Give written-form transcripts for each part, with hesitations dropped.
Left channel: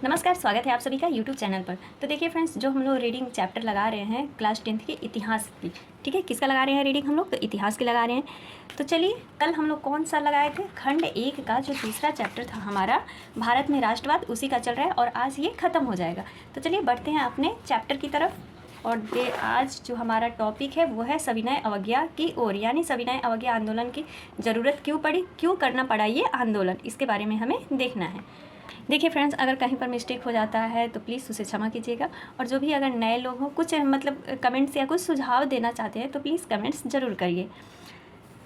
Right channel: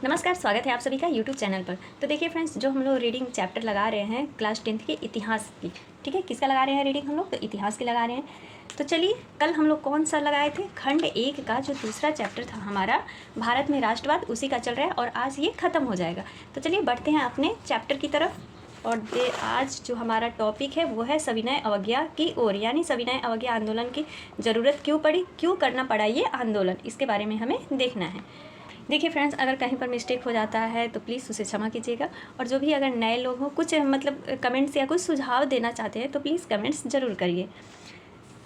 नमस्कार, स्वागत है आप सभी का यूट्यूब चैनल पर। तो देखिए फ्रेंड्स, जो हम लोग रीडिंग चैप्टर लगा रहे हैं क्लास 10th के इतिहास की, ठीक है, किसका लगा रहे हैं रीडिंग हम लोग? तो इतिहास की लगा रहे हैं। तो चलिए, कल हम लोग कौन सा लगाए थे? खंड 1 का जो दूसरा चैप्टर था हमारा, भारत में राष्ट्रवाद, उसी का चल रहा है और आज ये ख़त्म हो जाएगा। तो चलिए बढ़ते हैं अपने चैप्टर की तरफ। और आज जो हमारा टॉपिक है वो है सविनय अवज्ञा की ओर, यानी सविनय अवज्ञा आंदोलन की ज़रूरत क्यों पड़ी, क्यों करना पड़ा ये आंदोलन, इसके बारे में हमें देखना है। देखिए फ्रेंड्स, अगर कहीं पर मिस्टेक हो जाता है तो प्लीज़ उसे क्षमा कीजिएगा। और जो भी अगर नए लोग हों, कुछ मतलब कमेंट्स या कुछ सुझाव देना चाहते हैं तो प्लीज़ कमेंट्स ज़रूर करिए।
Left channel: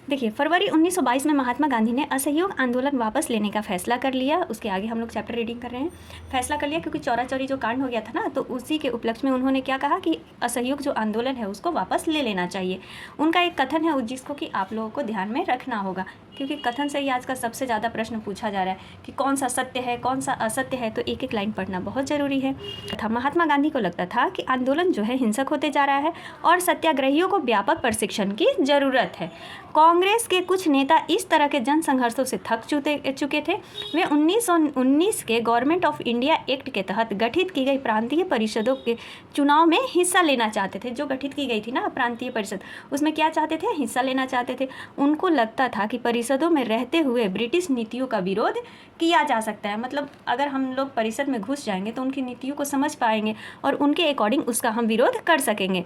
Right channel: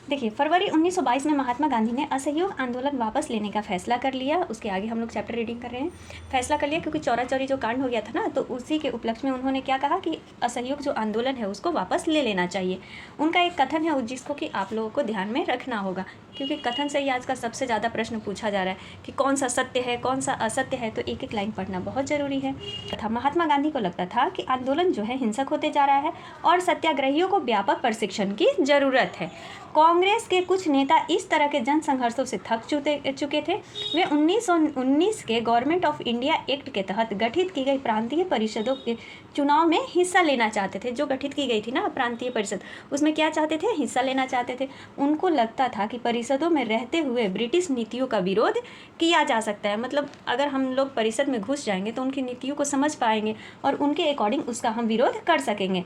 देखिए, फरवरी 1922 में महात्मा गांधी ने असहयोग आंदोलन वापस लेने का फैसला कर लिया। उसके आगे हम लोग चैप्टर रीडिंग कर रहे हैं। फैसला कर लिया क्योंकि चौरा चौरी जो कांड हो गया था ना, तो उसी के उपलक्ष्य में उन्होंने क्या कहा कि असहयोग जो आंदोलन है उसको वापस ले लेना चाहिए। उनका एक कथन है जिसको कि आप लोगों को ध्यान में रखना होगा, क्योंकि कथन से ही आज का सबसे ज़्यादा प्रश्न पूछा जा रहा है कि कौन सा सत्य है, कौन सा असत्य है। तो एक एक लाइन पढ़ना बहुत ज़रूरी है। तथा महात्मा गांधी को लगता था कि आंदोलन जो है हिंसक होते जा रहा है और सत्याग्रहियों को व्यापक प्रशिक्षण की ज़रूरत है। कांग्रेस के कुछ नेता इस तरह के जन संघर्षों से थक चुके थे। वे 1919 के गवर्नमेंट ऑफ इंडिया एक्ट के तहत गठित की गई प्रांतीय परिषदों के चुनाव में हिस्सा लेना चाहते थे। जो गठित की गई थी ना प्रांतीय परिषद, उसमें क्या चाहते थे? हिस्सा लेना चाहते थे। उनको लगता था कि परिषदों में रहते हुए ब्रिटिश नीतियों का विरोध किया जा सकता है। मतलब अगर हम लोग परिषद में घुस जाएंगे तो उनकी नीतियों को समझ पाएंगे और उनके अकॉर्डिंग उसका हम विरोध कर सकेंगे।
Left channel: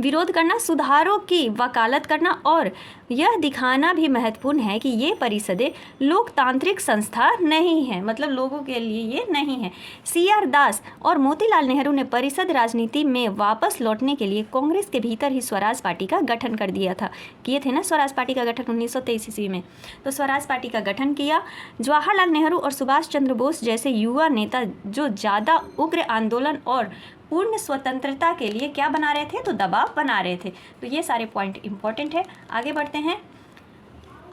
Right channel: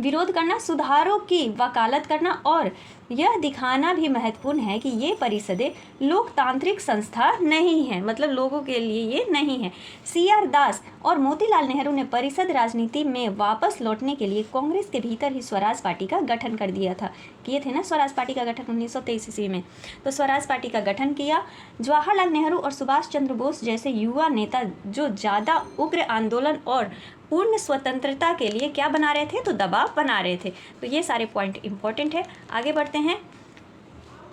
विरोध करना, सुधारों की वकालत करना और यह दिखाना भी महत्वपूर्ण है कि ये परिषदें लोकतांत्रिक संस्था नहीं है, मतलब लोगों के लिए ये नहीं है। CR दास और मोतीलाल नेहरू ने परिषद राजनीति में वापस लौटने के लिए कांग्रेस के भीतर ही स्वराज पार्टी का गठन कर दिया था। किए थे ना स्वराज पार्टी का गठन 1923 ईस्वी में। तो स्वराज पार्टी का गठन किया। जवाहरलाल नेहरू और सुभाष चंद्र बोस जैसे युवा नेता जो ज़्यादा उग्र आंदोलन और पूर्ण स्वतंत्रता के लिए क्या बना रहे थे? तो दबाव बना रहे थे। तो ये सारे पॉइंट इंपॉर्टेंट है। आगे बढ़ते हैं।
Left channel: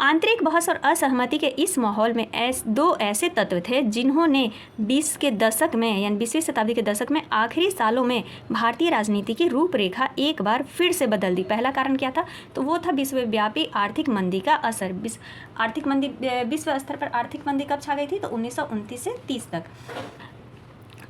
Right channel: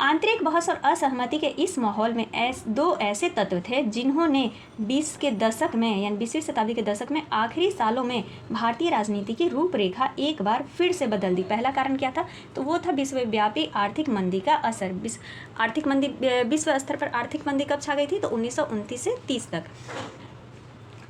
आंतरिक बहस और असहमति के इस माहौल में दो ऐसे तत्व थे जिन्होंने 20 के दशक में, यानी 20वीं शताब्दी के दशक में आखिरी सालों में भारतीय राजनीति की रूपरेखा एक बार फिर से बदल दी। पहला कारण क्या था? तो वो था विश्वव्यापी आर्थिक मंदी का असर। आर्थिक मंदी, विश्व स्तर पर आर्थिक मंदी कब छा गई थी? तो 1929 से 30 तक।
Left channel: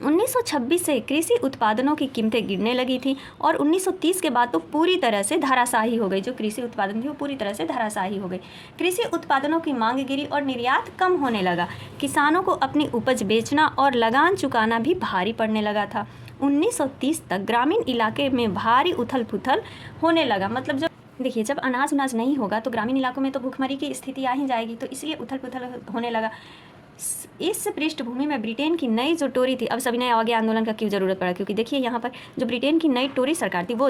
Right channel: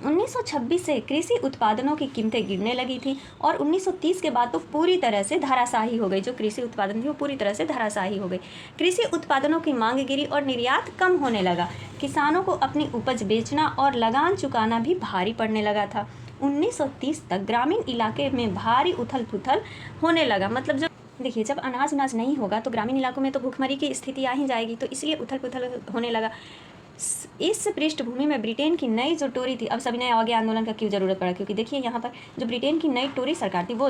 1926 से कृषि उत्पादनों की कीमतें गिरने लगी थी और 1930 के बाद तो पूरी तरह से धराशायी हो गई। जो कृषि उत्पादन थी वो पूरी तरह से धराशायी हो गई। कृषि उत्पादनों की मांग गिरी और निर्यात कम होने लगा। किसानों को अपनी उपज बेचना और लगान चुकाना भी भारी पड़ने लगा था। 1930 तक ग्रामीण इलाके में भारी उथल पुथल होने लगा। मतलब देखिए, जब अनाज नहीं होगा तो ग्रामीण इलाकों में तो भूखमरी की स्थिति आ ही जाएगी। तो इसलिए उथल पुथल होने लगा। इस पृष्ठभूमि में ब्रिटेन की नई जो टोरी थी, अब सविनय अवज्ञा आंदोलन का क्यों जरूरत पड़ा? क्योंकि देखिए यहाँ पर जो ब्रिटेन की नई टोरी सरकार थी वो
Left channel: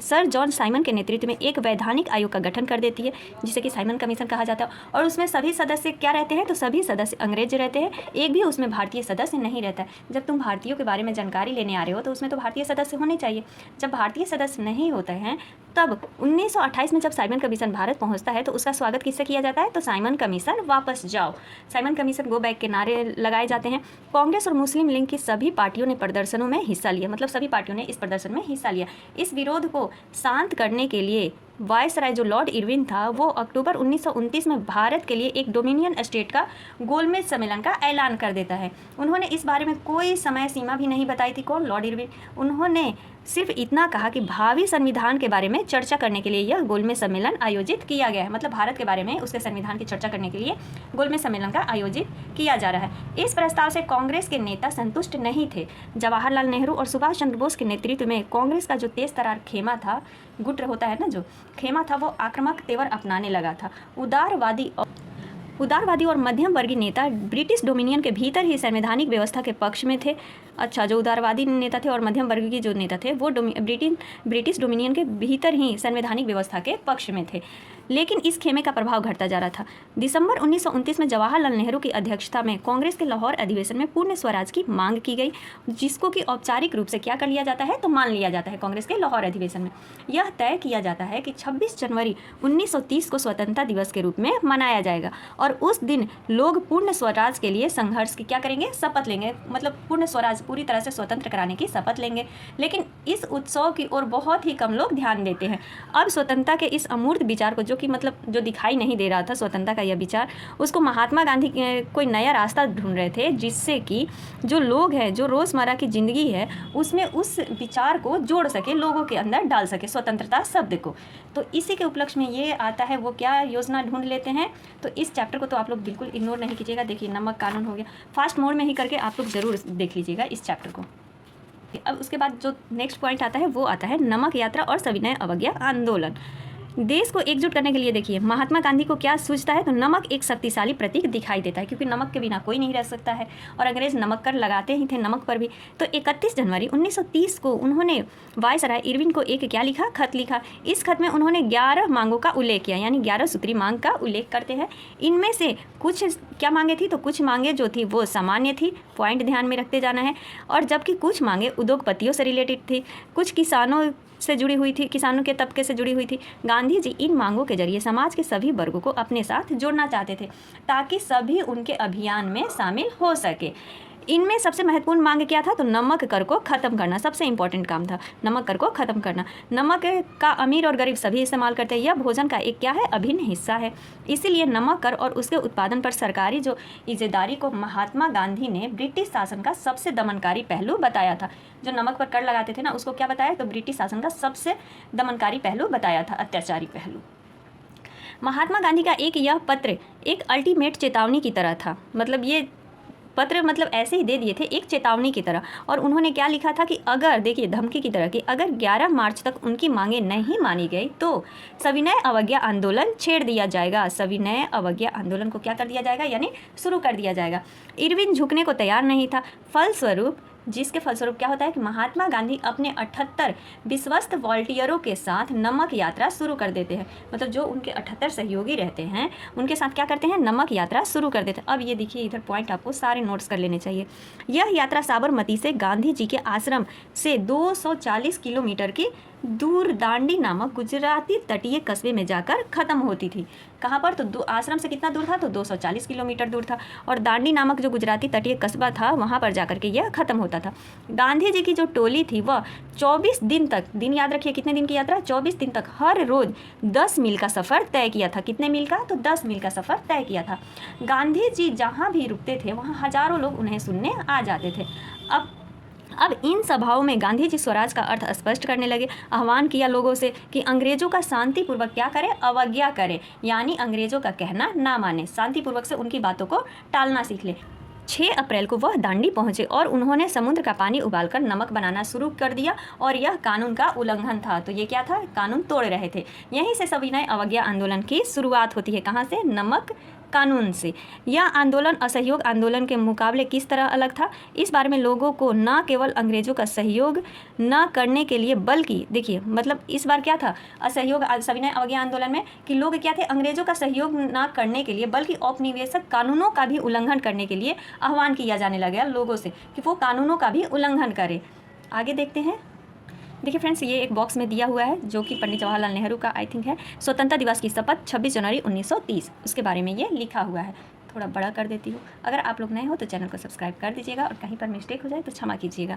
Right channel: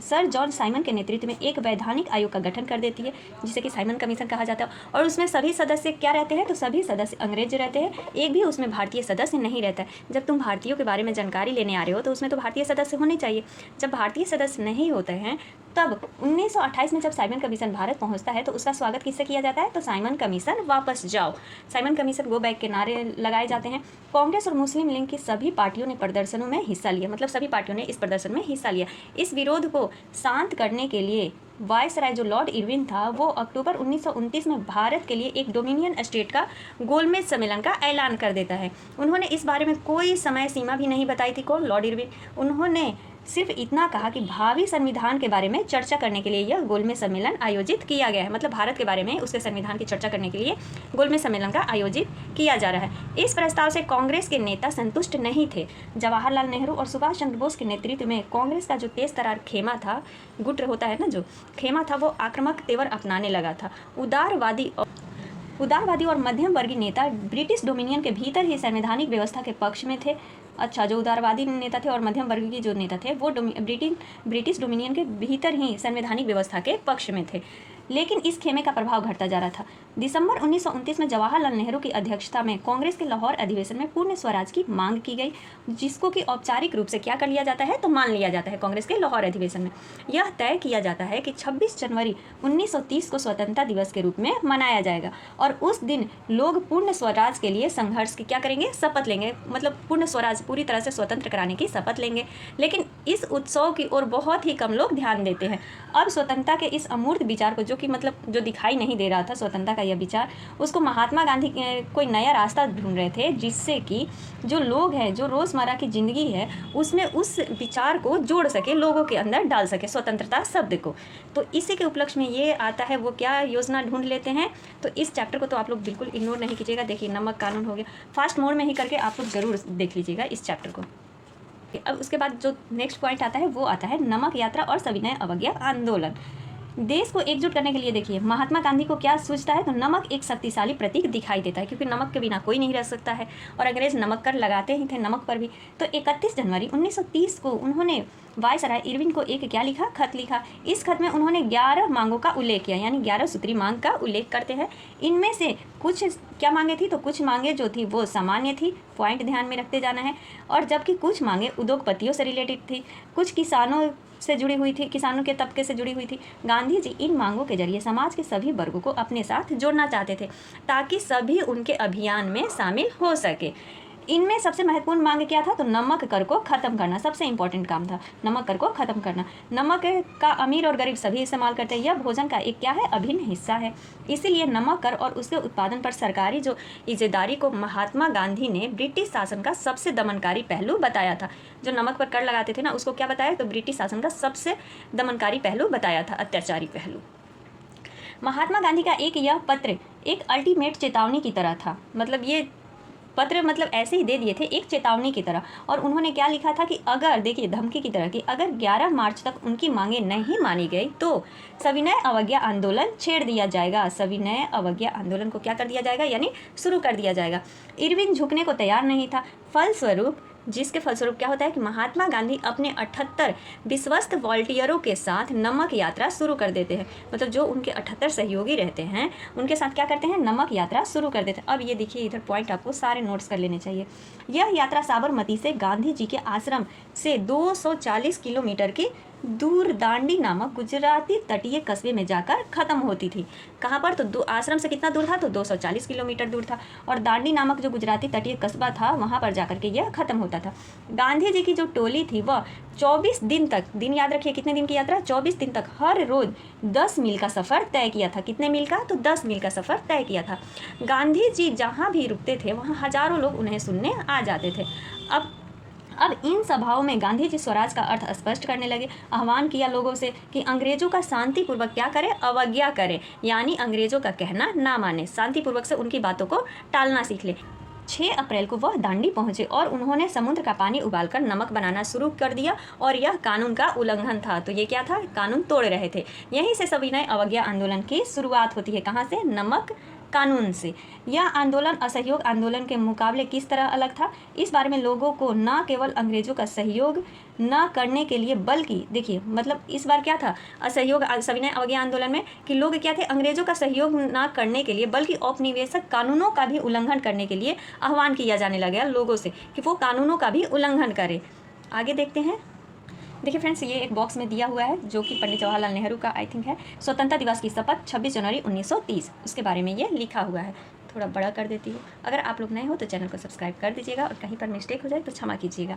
सर जॉन साइमन के नेतृत्व में एक वैधानिक आयोग का गठन कर देती है, जिसे कि साइमन कमीशन कहा जाता है। और उसमें सभी सदस्य क्या रहते हैं? तो सभी सदस्य अंग्रेज रहते हैं। एक भी उसमें भारतीय सदस्य नहीं रहता है। जब तुम भारतीयों के बारे में जानकारी लेने आ रहे हो तो उसमें तो भारतीय सदस्य होने चाहिए। जब भारतीय सदस्य नहीं होते हैं तब 1928 में जब साइमन कमीशन भारत पहुंचता है तो उसका स्वागत किससे किया जाता है? तो साइमन कमीशन वापस जाओ, साइमन कमीशन गो बैक के नारे लगाए जाते हैं। कांग्रेस और मुस्लिम लीग की सभी पार्टियों ने प्रदर्शनों में हिस्सा लिया। मतलब सभी पार्टियों ने इस प्रदर्शन में हिस्सा लिया। इस विरोध को शांत करने के लिए वायसराय जो लॉर्ड इरविन था वो अक्टूबर 1929 में भारत के लिए एक डोमिनियन स्टेट का गोलमेज सम्मेलन का ऐलान कर देता है। उन्होंने इस बारे में कोई समय सीमा भी नहीं बताई थी। कौन? Lord Irwin. उन्होंने सिर्फ इतना कहा कि भावी संविधान के बारे में चर्चा करने के लिए यह गोलमेज सम्मेलन आयोजित किया गया है। मतलब भारत के बारे में, उसके संविधान की चर्चा करने के लिए गोलमेज सम्मेलन का आयोजित किया जा रहा है। इस प्रस्ताव से कांग्रेस के नेता संतुष्ट नहीं थे। जवाहरलाल नेहरू और सुभाष चंद्र बोस के नेतृत्व में कांग्रेस का जो तेज तरार खेमा था, गुट होता है ना, जो खेमा था, वो आक्रामक तेवर अपनाने लगा था। उदारवादी और मध्यम वर्गीय नेता ब्रिटिश डोमिनियन के भीतर ही संवैधानिक व्यवस्था के पक्ष में थे। अच्छा, जो उदारवादी नेता थे और मध्यम वर्ग के जो नेता थे वो ब्रिटिश डोमिनियन के भीतर ही संवैधानिक व्यवस्था के पक्ष में थे। लेकिन इस खेमे का प्रभाव घटता जा रहा था। दिसंबर 1929 में जवाहरलाल नेहरू की अध्यक्षता में कांग्रेस के लाहौर अधिवेशन में पूर्ण स्वराज की मांग की गई, जिसको कि औपचारिक रूप से क्या कर लिया जाता है? तो मान लिया जाता है। कांग्रेस के लाहौर अधिवेशन में यह तय किया जाता है कि 26 जनवरी 1930 को स्वतंत्रता दिवस के रूप में मनाया जाएगा और उस दिन लोग पूर्ण स्वराज के लिए संघर्ष की क्या करेंगे? शपथ लेंगे। मतलब पूर्ण स्वराज, पूरी तरह से स्वतंत्र कराने की शपथ लेंगे। लेकिन इस उत्सव की ओर बहुत ही कम लोग ध्यान देते हैं। अब स्वतंत्रता के इस अमूर्त विचार को जो जो कि मतलब जो दिखाई नहीं दे रहा था स्वतंत्रता का यह विचार, उसको महात्मा गांधी कोई नया रास्ता ढूंढ रहे थे जिससे कि जो लोग हैं, जो रोज़मर्रा की ज़िंदगी है, उसमें उस विचार को जोड़ सके, लोगों के अंदर डाल सके स्वतंत्रता शब्द को। तो इसी के उपलक्ष्य में ये आता है, वो क्या योजना ढूंढ लेते हैं। तो इस चैप्टर को तो आप लोग बिल्कुल इग्नोर नहीं कीजिएगा। देखिए नमक कानून हो गया, फास्ट मोड में ही करके आप लोग ज़रूर देख लीजिएगा इस चैप्टर को। अब उसके बाद जो नेक्स्ट पॉइंट आता है वो आता है नमक यात्रा और सविनय अवज्ञा आंदोलन। देश को एकजुट करने के लिए देखिए महात्मा गांधी को क्या सूझता है, तो नमक एक शक्तिशाली प्रतीक दिखाई देता है, क्योंकि नमक के बिना कोई नहीं रह सकता है और अंग्रेज नमक कर लगाते ही थे नमक पर भी। तो 31 जनवरी 1930 को उन्होंने वायसराय इरविन को एक क्या लिखा, खत लिखा। इस खत में उन्होंने 11 मांगों का उल्लेख किया, यानी 11 सूत्री मांग का उल्लेख करते हैं। इनमें से कुछ क्या मांगे थी, तो कुछ मांगे जो थी वो सामान्य थी, पॉइंट ध्यान में रखते जाना है, और जबकि कुछ मांगे उद्योगपतियों से रिलेटेड थी, कुछ किसानों से जुड़ी हुई थी, किसानों के तबके से जुड़ी हुई थी। गांधी जी इन मांगों के जरिए समाज के सभी वर्गों को अपने साथ जोड़ना चाहते थे ताकि सभी उनके अभियान में शामिल हो सके। इनमें सबसे महत्वपूर्ण मांग क्या था, तो नमक कर को ख़त्म करना सबसे इंपॉर्टेंट काम था, नमक कर को ख़त्म करना। नमक का अमीर और गरीब सभी इस्तेमाल करते हैं, यह भोजन का एक क्या है, अभिन्न हिस्सा है। इसीलिए नमक कर और उसके उत्पादन पर सरकारी जो इज़्ज़ेदारी को महात्मा गांधी ने ब्रिटिश शासन का सबसे दमनकारी पहलू बताया था। जो नमक पर कर लगाते थे ना, उसको क्या बताया, तो ब्रिटिश शासन का सबसे दमनकारी पहलू बताया था, अत्याचारी पहलू। महात्मा गांधी का एक यह पत्र एक अल्टीमेट चेतावनी की तरह था, मतलब ये पत्र मतलब ऐसे ही दे दिए थे एक चेतावनी की तरह। और उन्होंने क्या लिखा था कि अगर, देखिए धमकी की तरह, कि अगर 11 मार्च तक उनकी मांगें नहीं मानी गई तो सविनय अवज्ञा आंदोलन छेड़ दिया जाएगा। सविनय अवज्ञा आंदोलन को क्या कर दिया जाएगा, यानी शुरू कर दिया जाएगा। इरविन झुकने को तैयार नहीं था, जिसके फलस्वरूप क्या होता है कि महात्मा गांधी अपने 78 विश्वस्त वॉलंटियरों के साथ नमक यात्रा शुरू कर देते हैं। मतलब जो उनके 78 सहयोगी रहते हैं उनके साथ क्या करते हैं, नमक यात्रा शुरू कर देते हैं। अब ये देखिए इधर पॉइंट आपको सारे नोट्स कर लेने चाहिए। यह यात्रा साबरमती से गांधी जी के आश्रम से 240 किलोमीटर की दूर दांडी नामक गुजराती तटीय कस्बे में जाकर ख़त्म होती थी। कहाँ पर, तो आश्रम से कितना दूर था, तो 240 किलोमीटर दूर था, और दांडी नामक जो गुजराती तटीय कस्बा था वहाँ पर जाकर के यह ख़त्म होता था। गांधी जी की जो टोली थी वह 24 दिन तक, दिन याद रखिए कितने दिन की यात्रा, 24 दिन तक हर रोज़ 10 मील का सफ़र तय किया था। कितने मील का, तो 10 मील का सफ़र तय किया था। गांधी जी जहाँ भी रुकते थे वहाँ हज़ारों लोग उन्हें सुनने आ जाते थे। अब इन सभाओं में गांधी जी स्वराज का अर्थ स्पष्ट करने लगे। आह्वान किया लोगों से कि अंग्रेजों का शांतिपूर्वक क्या करें, अवज्ञा करें, यानी अंग्रेजों का कहना ना माने, शांतिपूर्वक से उनकी बातों को टालना सीख ले। 6 अप्रैल को वह दांडी पहुंचे और उन्होंने समुद्र का पानी उबालकर नमक बनाना शुरू कर दिया, और यह कानून का उल्लंघन था। तो ये क्या था, कानून तोड़ रहे थे। यहीं से सविनय अवज्ञा आंदोलन की शुरुआत होती है। कहाँ से, नमक कानून से। यह आंदोलन असहयोग आंदोलन के मुकाबले किस तरह अलग था, इस बारे में लोगों को न केवल अंग्रेजों का सहयोग न करने के लिए, बल्कि देखिए मतलब इस बार क्या था, असहयोग सविनय अवज्ञा आंदोलन में कि लोग क्या थे, अंग्रेजों का सहयोग न करने के लिए बल्कि औपनिवेशिक कानूनों का भी उल्लंघन करने के लिए आह्वान किया जाने लगा लोगों से कि वो कानूनों का भी उल्लंघन करें। आगे देखते हैं। देखिए फ्रेंड्स, ये एक बॉक्स में दिया हुआ है जो कि पंडित जवाहरलाल नेहरू का आई थिंक है, स्वतंत्रता दिवस की शपथ 26 जनवरी 1930, इसके बारे में ये लिखा हुआ है। थोड़ा बड़ा कर देती हूँ। अगर आप लोग नए हो तो चैनल को सब्सक्राइब कर दीजिएगा और कहीं पर मिस्टेक हो जाए तो क्षमा कीजिएगा।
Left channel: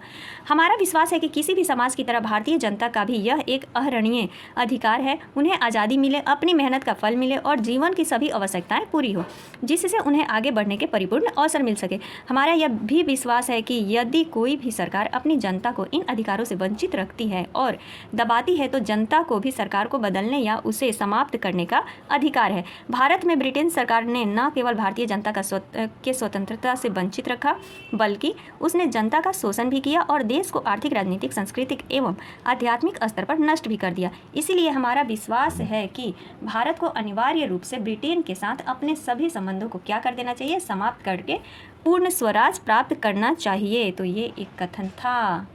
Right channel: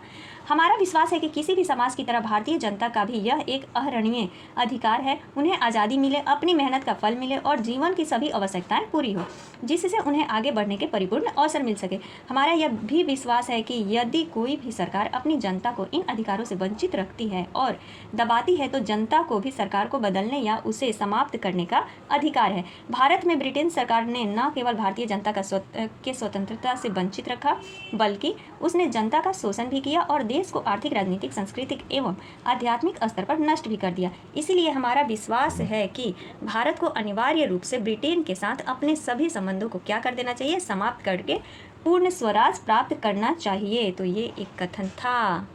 हमारा विश्वास है कि किसी भी समाज की तरह भारतीय जनता का भी यह एक अहरणीय अधिकार है, उन्हें आज़ादी मिले, अपनी मेहनत का फल मिले और जीवन की सभी आवश्यकताएं पूरी हो, जिससे उन्हें आगे बढ़ने के परिपूर्ण अवसर मिल सके। हमारा यह भी विश्वास है कि यदि कोई भी सरकार अपनी जनता को इन अधिकारों से वंचित रखती है और दबाती है तो जनता को भी सरकार को बदलने या उसे समाप्त करने का अधिकार है। भारत में ब्रिटेन सरकार ने न केवल भारतीय जनता का स्वतंत्रता से वंचित रखा, बल्कि उसने जनता का शोषण भी किया और देश को आर्थिक, राजनीतिक, सांस्कृतिक एवं आध्यात्मिक स्तर पर नष्ट भी कर दिया। इसीलिए हमारा विश्वास है कि भारत को अनिवार्य रूप से ब्रिटेन के साथ अपने सभी संबंधों को क्या कर देना चाहिए, समाप्त करके पूर्ण स्वराज प्राप्त करना चाहिए। तो ये एक कथन था।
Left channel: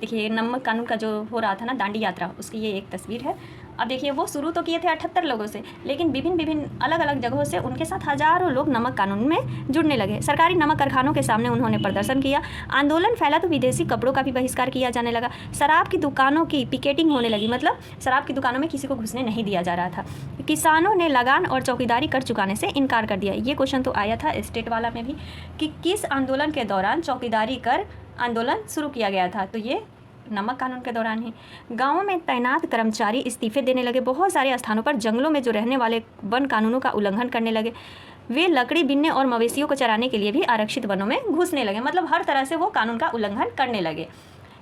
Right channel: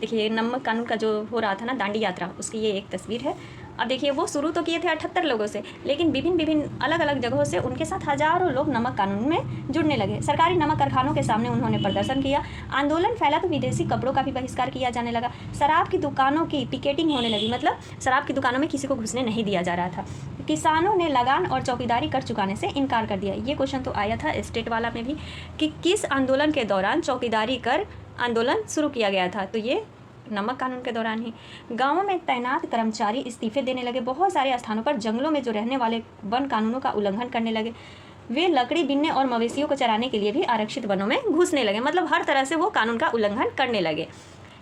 देखिए नमक कानून का जो हो रहा था ना, दांडी यात्रा, उसकी ये एक तस्वीर है। अब देखिए वो शुरू तो किए थे 78 लोगों से, लेकिन विभिन्न अलग अलग जगहों से उनके साथ हजारों लोग नमक कानून में जुड़ने लगे। सरकारी नमक कारखानों के सामने उन्होंने प्रदर्शन किया। आंदोलन फैला तो विदेशी कपड़ों का भी बहिष्कार किया जाने लगा। शराब की दुकानों की पिकेटिंग होने लगी, मतलब शराब की दुकानों में किसी को घुसने नहीं दिया जा रहा था। किसानों ने लगान और चौकीदारी कर चुकाने से इनकार कर दिया। ये क्वेश्चन तो आया था स्टेट वाला में भी कि किस आंदोलन के दौरान चौकीदारी कर आंदोलन शुरू किया गया था। तो ये नमक कानून के दौरान ही गाँवों में तैनात कर्मचारी इस्तीफे देने लगे। बहुत सारे स्थानों पर जंगलों में जो रहने वाले वन कानूनों का उल्लंघन करने लगे। वे लकड़ी बीनने और मवेशियों को चराने के लिए भी आरक्षित वनों में घुसने लगे। मतलब हर तरह से वो कानून का उल्लंघन करने लगे।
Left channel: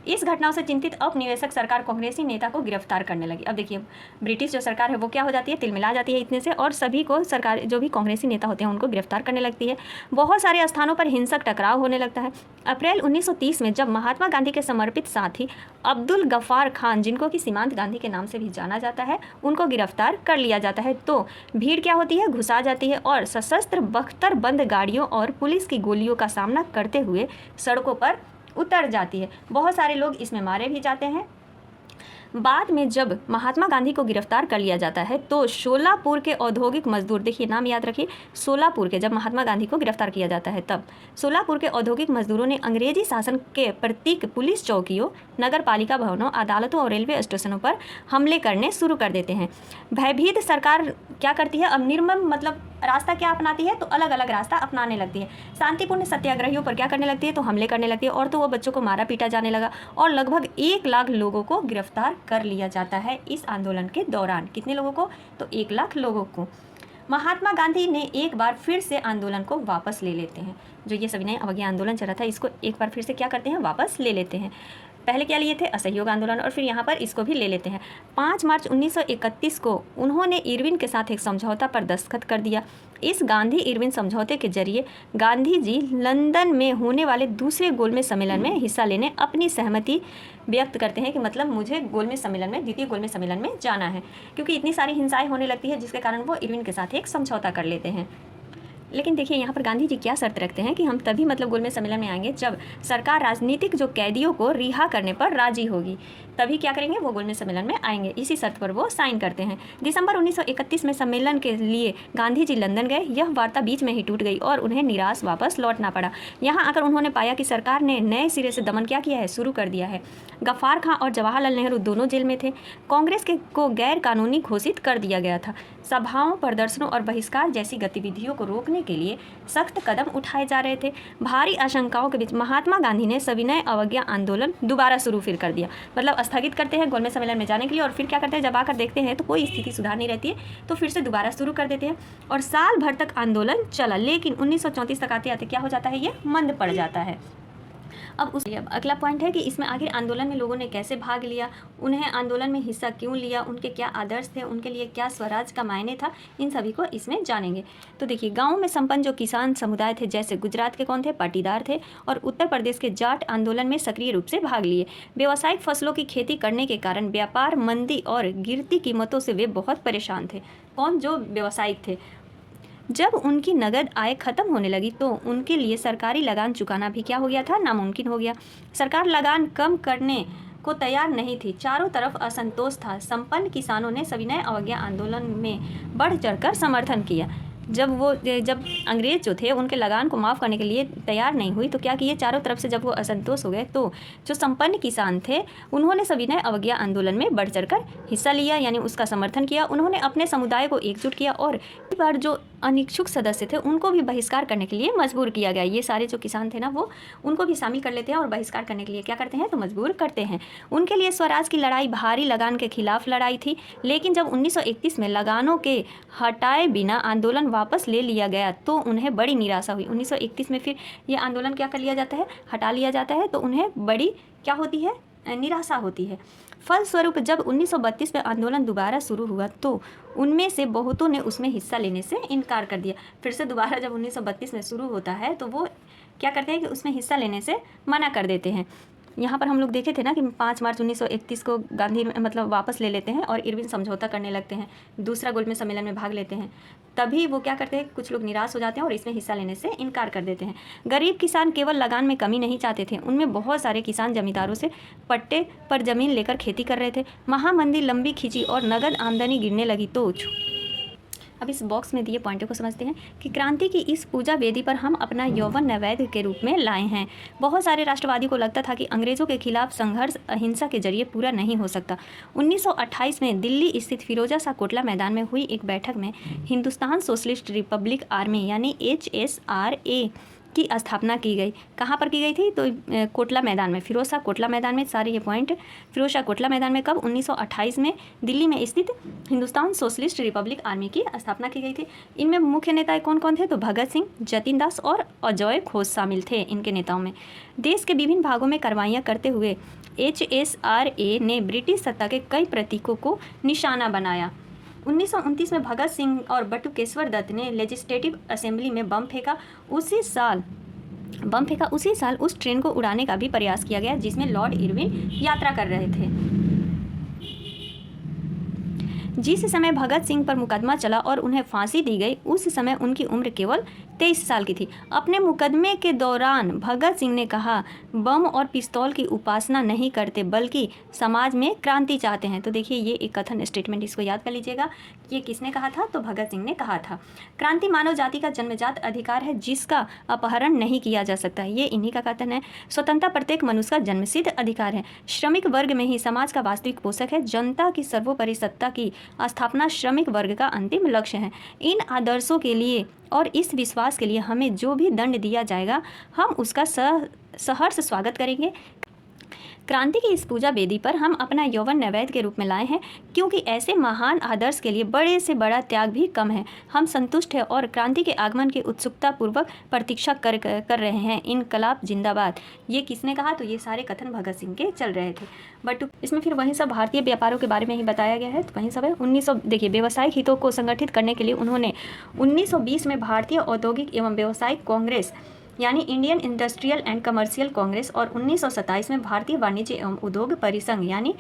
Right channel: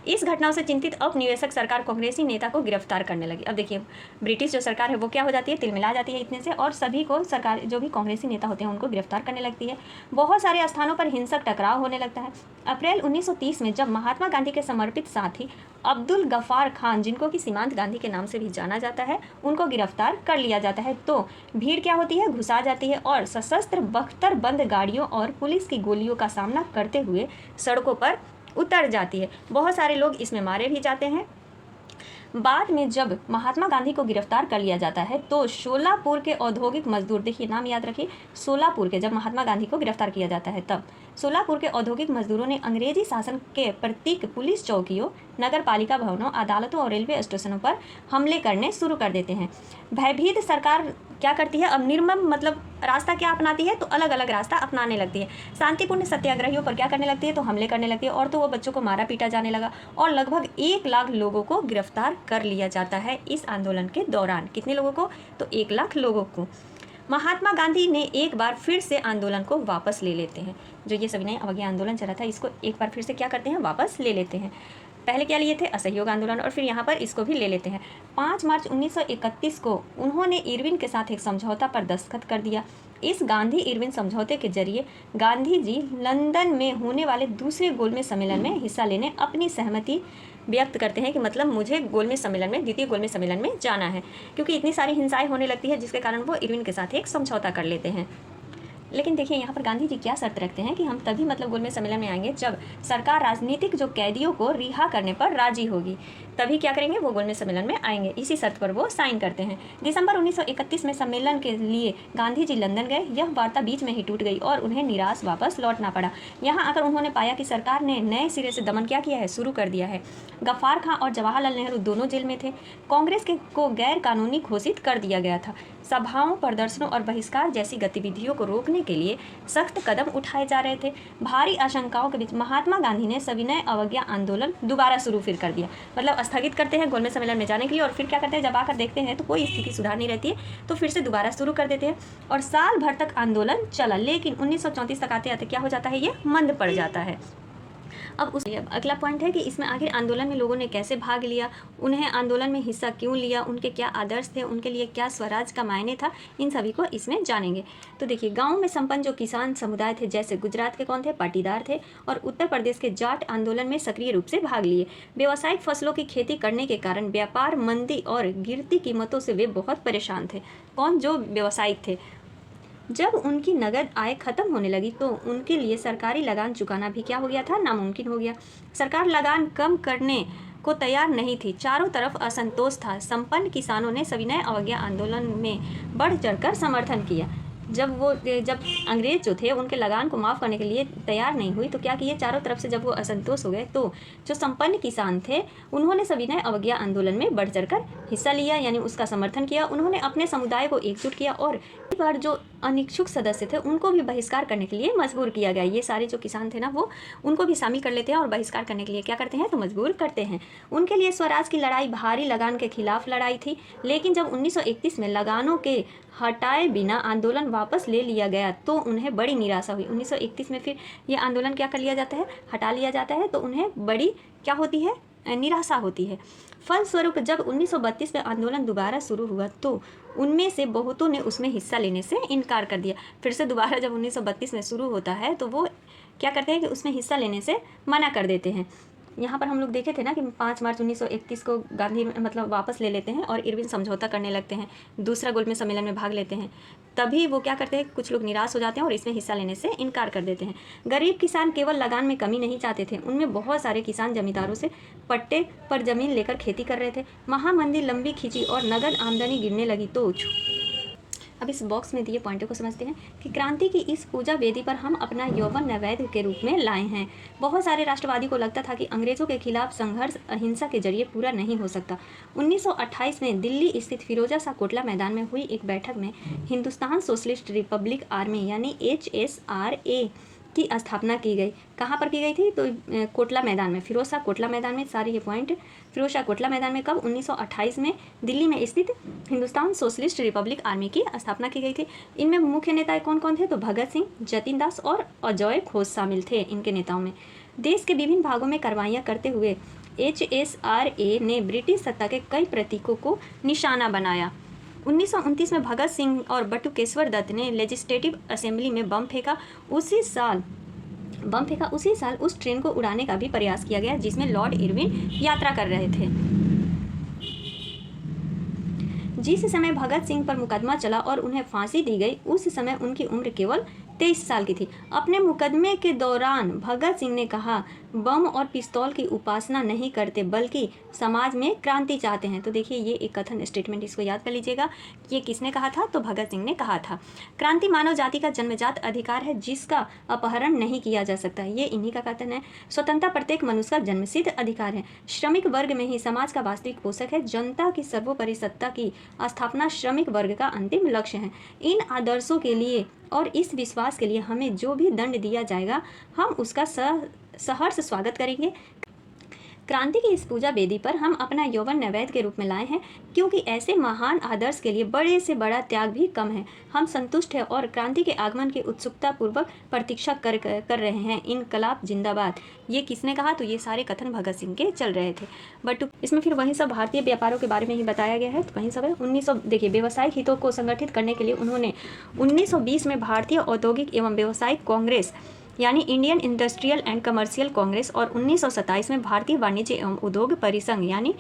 इस घटनाओं से चिंतित औपनिवेशिक सरकार कांग्रेसी नेता को गिरफ्तार करने लगी। अब देखिए ब्रिटिश जो सरकार है वो क्या हो जाती है, तिलमिला जाती है इतने से, और सभी को सरकार जो भी कांग्रेसी नेता होते हैं उनको गिरफ्तार करने लगती है। बहुत सारे स्थानों पर हिंसक टकराव होने लगता है। अप्रैल 1930 में जब महात्मा गांधी के समर्पित साथी अब्दुल गफ्फार खान, जिनको कि सीमांत गांधी के नाम से भी जाना जाता है, उनको गिरफ्तार कर लिया जाता है तो भीड़ क्या होती है, घुसा जाती है और सशस्त्र बख्तर बंद गाड़ियों और पुलिस की गोलियों का सामना करते हुए सड़कों पर उतर जाती है। बहुत सारे लोग इसमें मारे भी जाते हैं। बाद में जब महात्मा गांधी को गिरफ्तार कर लिया जाता है तो सोलापुर के औद्योगिक मजदूर, देखिए नाम याद रखिए, सोलापुर के, जब महात्मा गांधी को गिरफ्तार किया जाता है तब सोलापुर के औद्योगिक मजदूरों ने अंग्रेजी शासन के प्रतीक पुलिस चौकियों, नगर पालिका भवनों, अदालतों और रेलवे स्टेशनों पर हमले करने शुरू कर देते हैं। भयभीत सरकार क्या करती है, अब निर्मम मतलब रास्ता क्या अपनाती है, तो अलग अलग रास्ता अपनाने लगती है। शांतिपूर्ण सत्याग्रहियों पर क्या करने लगती है, तो हमले करने लगती है। और तो वो बच्चों को मारा पीटा जाने लगा और लगभग 1 लाख लोगों को गिरफ्तार कर लिया जाता है इस आंदोलन के दौरान। कितने लोगों को, तो 1 लाख लोगों को। महात्मा गांधी ने एक बार फिर से आंदोलन को वापस ले लेते हैं। जो ये सविनय अवज्ञा आंदोलन चला था, इसको एक बार फिर से क्या करते हैं, वापस ले लेते हैं। पहले क्या लिए थे, असहयोग आंदोलन, और फिर यहाँ पर इसको भी ले लेते हैं। 5 मार्च 1931 को उन्होंने इरविन के साथ एक समझौता पर दस्तखत कर दिया। इस गांधी इरविन समझौते के जरिए गांधी जी लंदन में होने वाले दूसरे गोलमेज सम्मेलन में हिस्सा लेने अपनी सहमति व्यक्त करते हैं कि मतलब मुझे गोलमेज सम्मेलन में, द्वितीय गोलमेज सम्मेलन में जाना है, क्योंकि इतनी सारी हिंसाएं होने लगती है जिसके कारण वो इरविन के साथ एक समझौता कर लेते हैं। लेकिन देखिए यहाँ पर गांधी जी क्या शर्त रखते हैं कि हम तभी मतलब गोलमेज सम्मेलन में आएंगे जब सरकार राजनीतिक जो कैदियों को रिहा करने पर राजी होगी, तभी क्या करेंगे, वो गोलमेज सम्मेलन में आएंगे। इसी शर्त पर वो साइन करते हैं। दिसंबर 1931 में सम्मेलन के लिए गांधी जी लंदन गए। यह वार्ता बीच में ही टूट गई और उन्हें निराश वापस लौटना पड़ा। यहाँ आकर उन्होंने पाया कि सरकार ने नए सिरे से दमन क्या किया है, शुरू कर दिया है। गफ्फार खां और जवाहरलाल नेहरू दोनों जेल में थे। कांग्रेस को गैर कानूनी घोषित कर दिया गया था। सभाओं, प्रदर्शनों और बहिष्कार जैसी गतिविधियों को रोकने के लिए सख्त कदम उठाए जा रहे थे। भारी आशंकाओं के बीच महात्मा गांधी ने सविनय अवज्ञा आंदोलन दोबारा शुरू फिर कर दिया। मतलब स्थगित करते हैं गोलमेज सम्मेलन में जाने के लिए, और फिर क्या करते हैं, जब आकर देखते हैं तो कोई स्थिति सुधार नहीं रहती है तो फिर से दोबारा शुरू कर देते हैं। और साल भर तक आंदोलन चला, लेकिन 1934 तक आते आते क्या हो जाता है, ये मंद पड़ जाता है। अब अगला पॉइंट है कि इसमें आखिर आंदोलन में लोगों ने कैसे भाग लिया, उन्हें आंदोलन में हिस्सा क्यों लिया, उनके क्या आदर्श थे, उनके लिए क्या स्वराज का मायने था, इन सभी को इसमें जानेंगे। तो देखिए गाँव में संपन्न जो किसान समुदाय थे, जैसे गुजरात के कौन थे, पाटीदार थे, और उत्तर प्रदेश के जाट आंदोलन में सक्रिय रूप से भाग लिए। व्यावसायिक फसलों की खेती करने के कारण व्यापार मंदी और गिरती कीमतों से वे बहुत परेशान थे। कौन, जो व्यावसायिक थे। जब उनकी नगद आय खत्म होने लगी तो उनके लिए सरकारी लगान चुकाना भी क्या हो गया था, नामुमकिन हो गया। सरकार लगान कम करने को तैयार नहीं थी। चारों तरफ असंतोष था। संपन्न किसानों ने सविनय अवज्ञा आंदोलन में बढ़ चढ़कर समर्थन किया। जब अंग्रेज जो थे उनके लगान को माफ़ करने के लिए तैयार नहीं हुई तो क्या किए, चारों तरफ से जब वो असंतोष हो गए तो जो संपन्न किसान थे उन्होंने सविनय अवज्ञा आंदोलन में बढ़ चढ़कर हिस्सा लिया, यानी उसका समर्थन किया। उन्होंने अपने समुदाय को एकजुट किया और कई बार जो अनिच्छुक सदस्य थे उनको भी बहिष्कार करने के लिए मजबूर किया गया। ये सारे जो किसान थे ना, वो उनको भी शामिल कर लेते हैं और बहिष्कार करने के लिए क्या करते हैं, तो मजबूर करते हैं। उनके लिए स्वराज की लड़ाई भारी लगान के खिलाफ लड़ाई थी। लेकिन जब 1931 में लगानों के हटाए बिना आंदोलन वापस ले लिया गया तो उन्हें बड़ी निराशा हुई। 1931 में फिर ये आंदोलन क्या कर लिया जाता है, हटा लिया जाता है, तो उन्हें बड़ी क्या होती है, निराशा होती है। फलस्वरूप जब 1932 में आंदोलन दोबारा शुरू हुआ तो उनमें से बहुतों ने उसमें हिस्सा लेने से इनकार कर दिया। फिर से दोबारा जब 1932 में शुरू होता है तो वो क्या करते हैं कि उसमें हिस्सा लेने से मना कर देते हैं। यहाँ पर हम लोग देखे थे ना कि 5 मार्च 1931 को गांधी मतलब वापस ले लेते हैं और इरविन समझौता करने लगते हैं, दूसरा गोलमेज सम्मेलन में भाग लेते हैं। तभी वो क्या करते हैं, कुछ लोग निराश हो जाते हैं और इसमें हिस्सा लेने से इनकार कर देते हैं। गरीब किसान केवल लगान में कमी नहीं चाहते थे, उनमें बहुत सारे किसान जमींदारों से पट्टे पर जमीन लेकर खेती कर रहे थे। महामंदी लंबी खींची और नगद आमदनी गिरने लगी तो अब इस बॉक्स में दिए पॉइंटों को समझते हैं कि क्रांति की इस पूजा वेदी पर हम अपना यौवन नैवेद्य के रूप में लाए हैं। बहुत सारे राष्ट्रवादियों को लगता था कि अंग्रेजों के खिलाफ संघर्ष अहिंसा के जरिए पूरा नहीं हो सकता। 1928 में दिल्ली स्थित फिरोजा शाह कोटला मैदान में हुई एक बैठक में हिंदुस्तान सोशलिस्ट रिपब्लिक आर्मी यानी HSRA की स्थापना की गई। कहाँ पर की गई थी? तो कोटला मैदान में, फिरोज शाह कोटला मैदान में। सारे ये पॉइंट फिरोज शाह कोटला मैदान में कब? 1928 में दिल्ली में स्थित हिंदुस्तान सोशलिस्ट रिपब्लिक आर्मी की स्थापना की गई थी। इनमें मुख्य नेता कौन कौन थे? तो भगत सिंह, जतिन दास और अजय घोष शामिल थे इनके नेताओं में। देश के विभिन्न भागों में कार्रवाइयाँ करते हुए HSRA ने ब्रिटिश सत्ता के कई प्रतीकों को निशाना बनाया। 1929 में भगत सिंह और बटुकेश्वर दत्त ने लेजिस्लेटिव असेंबली में बम फेंका। उसी साल उस ट्रेन को उड़ाने का भी प्रयास किया गया जिसमें लॉर्ड इरविन यात्रा कर रहे थे। जिस समय भगत सिंह पर मुकदमा चला और उन्हें फांसी दी गई, उस समय उनकी उम्र केवल 23 साल की थी। अपने मुकदमे के दौरान भगत सिंह ने कहा, बम और पिस्तौल की उपासना नहीं करते बल्कि समाज में क्रांति चाहते हैं। तो देखिए ये एक कथन स्टेटमेंट, इसको याद कर लीजिएगा। ये किसने कहा था? तो भगत सिंह ने कहा था। क्रांति मानव जाति का जन्मजात अधिकार है जिसका अपहरण नहीं किया जा सकता। ये इन्हीं का कथन है। स्वतंत्रता प्रत्येक मनुष्य का जन्मसिद्ध अधिकार है। श्रमिक वर्ग में ही समाज का वास्तविक पोषक है। जनता की सर्वोपरि सत्ता की स्थापना श्रमिक वर्ग का अंतिम लक्ष्य है। इन आदर्शों के लिए और इस विश्वास के लिए हमें जो भी दंड दिया जाएगा, हम उसका सहर्ष स्वागत करेंगे। क्रांति की इस पूजा वेदी पर हम अपना यौवन नैवेद्य के रूप में लाए हैं, क्योंकि ऐसे महान आदर्श के लिए बड़े से बड़ा त्याग भी कम है। हम संतुष्ट हैं और क्रांति के आगमन की उत्सुकता पूर्वक प्रतीक्षा कर रहे हैं। इनकलाब जिंदाबाद। ये किसने कहा? तो ये सारे कथन भगत सिंह के चल रहे थे। बट इसमें फिर वहीं सब भारतीय व्यापारों के बारे में ही बताया गया है। तो वहीं सब है देखिए व्यावसायिक हितों को संगठित करने के लिए उन्होंने 1920 में भारतीय औद्योगिक एवं व्यावसायिक कांग्रेस यानी Indian industrial and commercial Congress और 1927 में भारतीय वाणिज्य एवं उद्योग परिसंघ यानी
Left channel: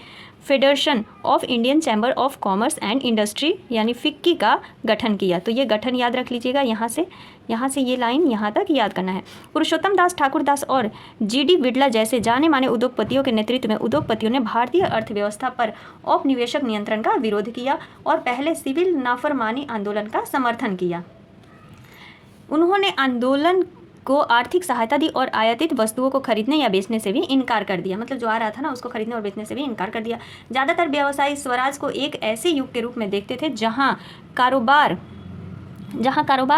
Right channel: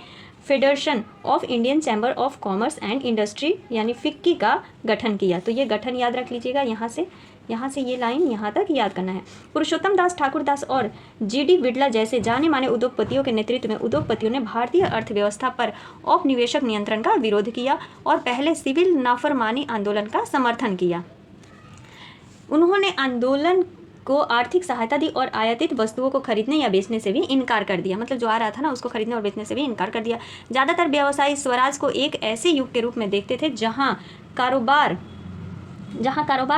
federation of Indian chamber of commerce and industry यानी फिक्की का गठन किया। तो ये गठन याद रख लीजिएगा। यहाँ से ये लाइन यहाँ तक याद करना है। पुरुषोत्तम दास ठाकुर दास और GD बिड़ला जैसे जाने माने उद्योगपतियों के नेतृत्व में उद्योगपतियों ने भारतीय अर्थव्यवस्था पर औपनिवेशक नियंत्रण का विरोध किया और पहले सिविल नाफरमानी आंदोलन का समर्थन किया। उन्होंने आंदोलन को आर्थिक सहायता दी और आयातित वस्तुओं को खरीदने या बेचने से भी इनकार कर दिया। मतलब जो आ रहा था ना उसको खरीदने और बेचने से भी इनकार कर दिया। ज़्यादातर व्यवसायी स्वराज को एक ऐसे युग के रूप में देखते थे जहां कारोबार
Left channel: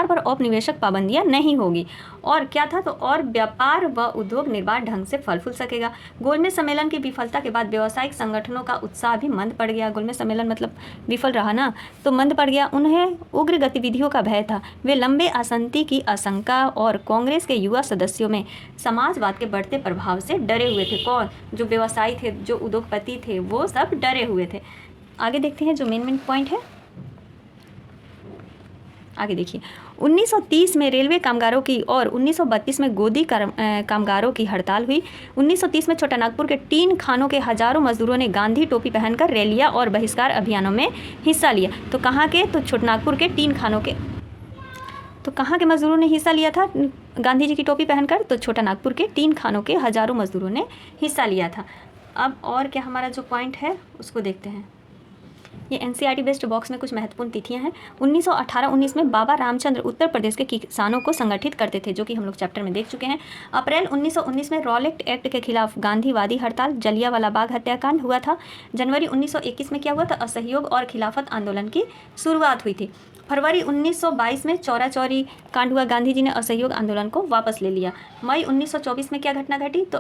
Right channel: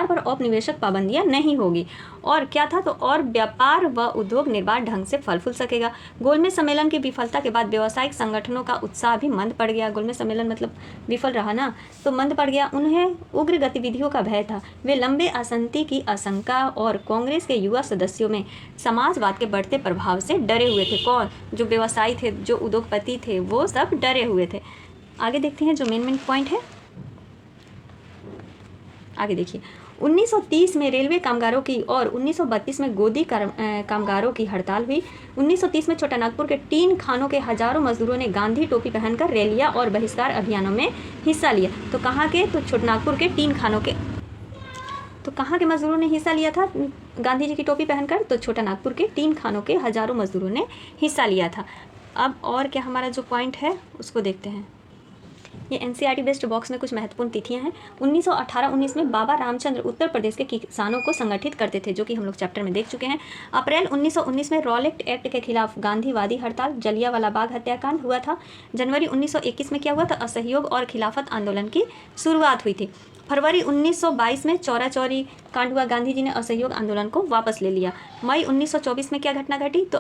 पर औपनिवेशक पाबंदियां नहीं होगी। और क्या था? तो और व्यापार व उद्योग निर्बाध ढंग से फल फूल सकेगा। गोलमेज सम्मेलन की विफलता के बाद व्यावसायिक संगठनों का उत्साह भी मंद पड़ गया। गोलमेज सम्मेलन मतलब विफल रहा ना, तो मंद पड़ गया। उन्हें उग्र गतिविधियों का भय था। वे लंबे असंति की आशंका और कांग्रेस के युवा सदस्यों में समाजवाद के बढ़ते प्रभाव से डरे हुए थे। कौन? जो व्यवसायी थे, जो उद्योगपति थे, वो सब डरे हुए थे। आगे देखते हैं जो मेन पॉइंट है। आगे देखिए 1930 में रेलवे कामगारों की और 1932 में गोदी कामगारों की हड़ताल हुई। 1930 में छोटा नागपुर के टीन खानों के हजारों मजदूरों ने गांधी टोपी पहनकर रैलियां और बहिष्कार अभियानों में हिस्सा लिया। तो कहाँ के? तो छोटा नागपुर के टीन खानों के। तो कहाँ के मजदूरों ने हिस्सा लिया था गांधी जी की टोपी पहनकर? तो छोटा नागपुर के टीन खानों के हजारों मजदूरों ने हिस्सा लिया था। अब और क्या हमारा जो पॉइंट है उसको देखते हैं। ये NCERT बेस्ड बॉक्स में कुछ महत्वपूर्ण तिथियां हैं। 1918-19 में बाबा रामचंद्र उत्तर प्रदेश के किसानों को संगठित करते थे, जो कि हम लोग चैप्टर में देख चुके हैं। अप्रैल 1919 में रॉलेट एक्ट के खिलाफ गांधीवादी हड़ताल, जलियांवाला बाग हत्याकांड हुआ था। जनवरी 1921 में क्या हुआ था? असहयोग और खिलाफत आंदोलन की शुरुआत हुई थी। फरवरी 1922 में चौरा चौरी कांड हुआ। गांधी जी ने असहयोग आंदोलन को वापस ले लिया। मई 1924 में क्या घटना घटी? तो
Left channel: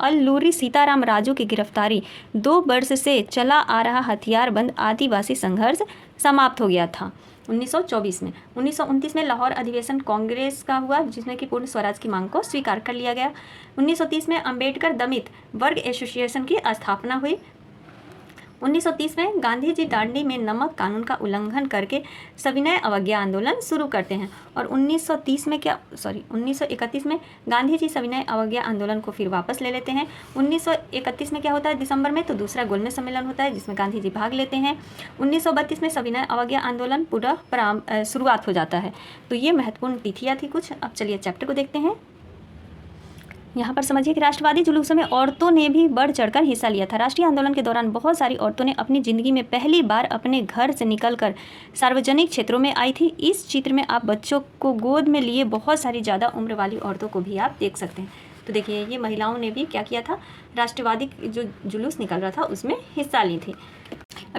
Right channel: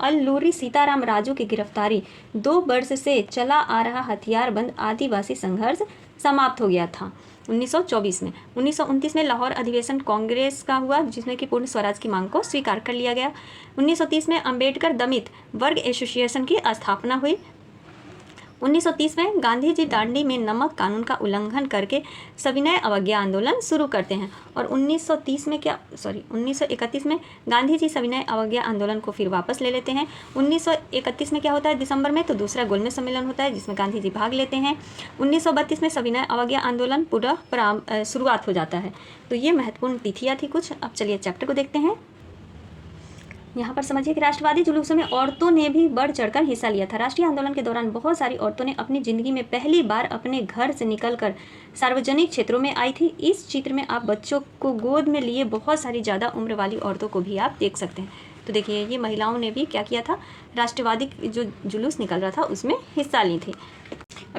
अल्लूरी सीताराम राजू की गिरफ्तारी। 2 वर्ष से चला आ रहा हथियारबंद आदिवासी संघर्ष समाप्त हो गया था 1924 में। 1929 में लाहौर अधिवेशन कांग्रेस का हुआ, जिसमें कि पूर्ण स्वराज की मांग को स्वीकार कर लिया गया। 1930 में अंबेडकर दलित वर्ग एसोसिएशन की स्थापना हुई। 1930 में गांधी जी दांडी में नमक कानून का उल्लंघन करके सविनय अवज्ञा आंदोलन शुरू करते हैं। और 1931 में गांधी जी सविनय अवज्ञा आंदोलन को फिर वापस ले लेते हैं। 1931 में क्या होता है दिसंबर में? तो दूसरा गोलमेज सम्मेलन होता है जिसमें गांधी जी भाग लेते हैं। 1932 में सविनय अवज्ञा आंदोलन पुनः शुरुआत हो जाता है। तो ये महत्वपूर्ण तिथियाँ थी कुछ। अब चलिए चैप्टर को देखते हैं। यहाँ पर समझिए कि राष्ट्रवादी जुलूसों में औरतों ने भी बढ़ चढ़कर हिस्सा लिया था। राष्ट्रीय आंदोलन के दौरान बहुत सारी औरतों ने अपनी ज़िंदगी में पहली बार अपने घर से निकलकर सार्वजनिक क्षेत्रों में आई थी। इस चित्र में आप बच्चों को गोद में लिए बहुत सारी ज़्यादा उम्र वाली औरतों को भी आप देख सकते हैं। तो देखिए ये महिलाओं ने भी क्या किया था? राष्ट्रवादी जो जुलूस निकल रहा था उसमें हिस्सा ली थी।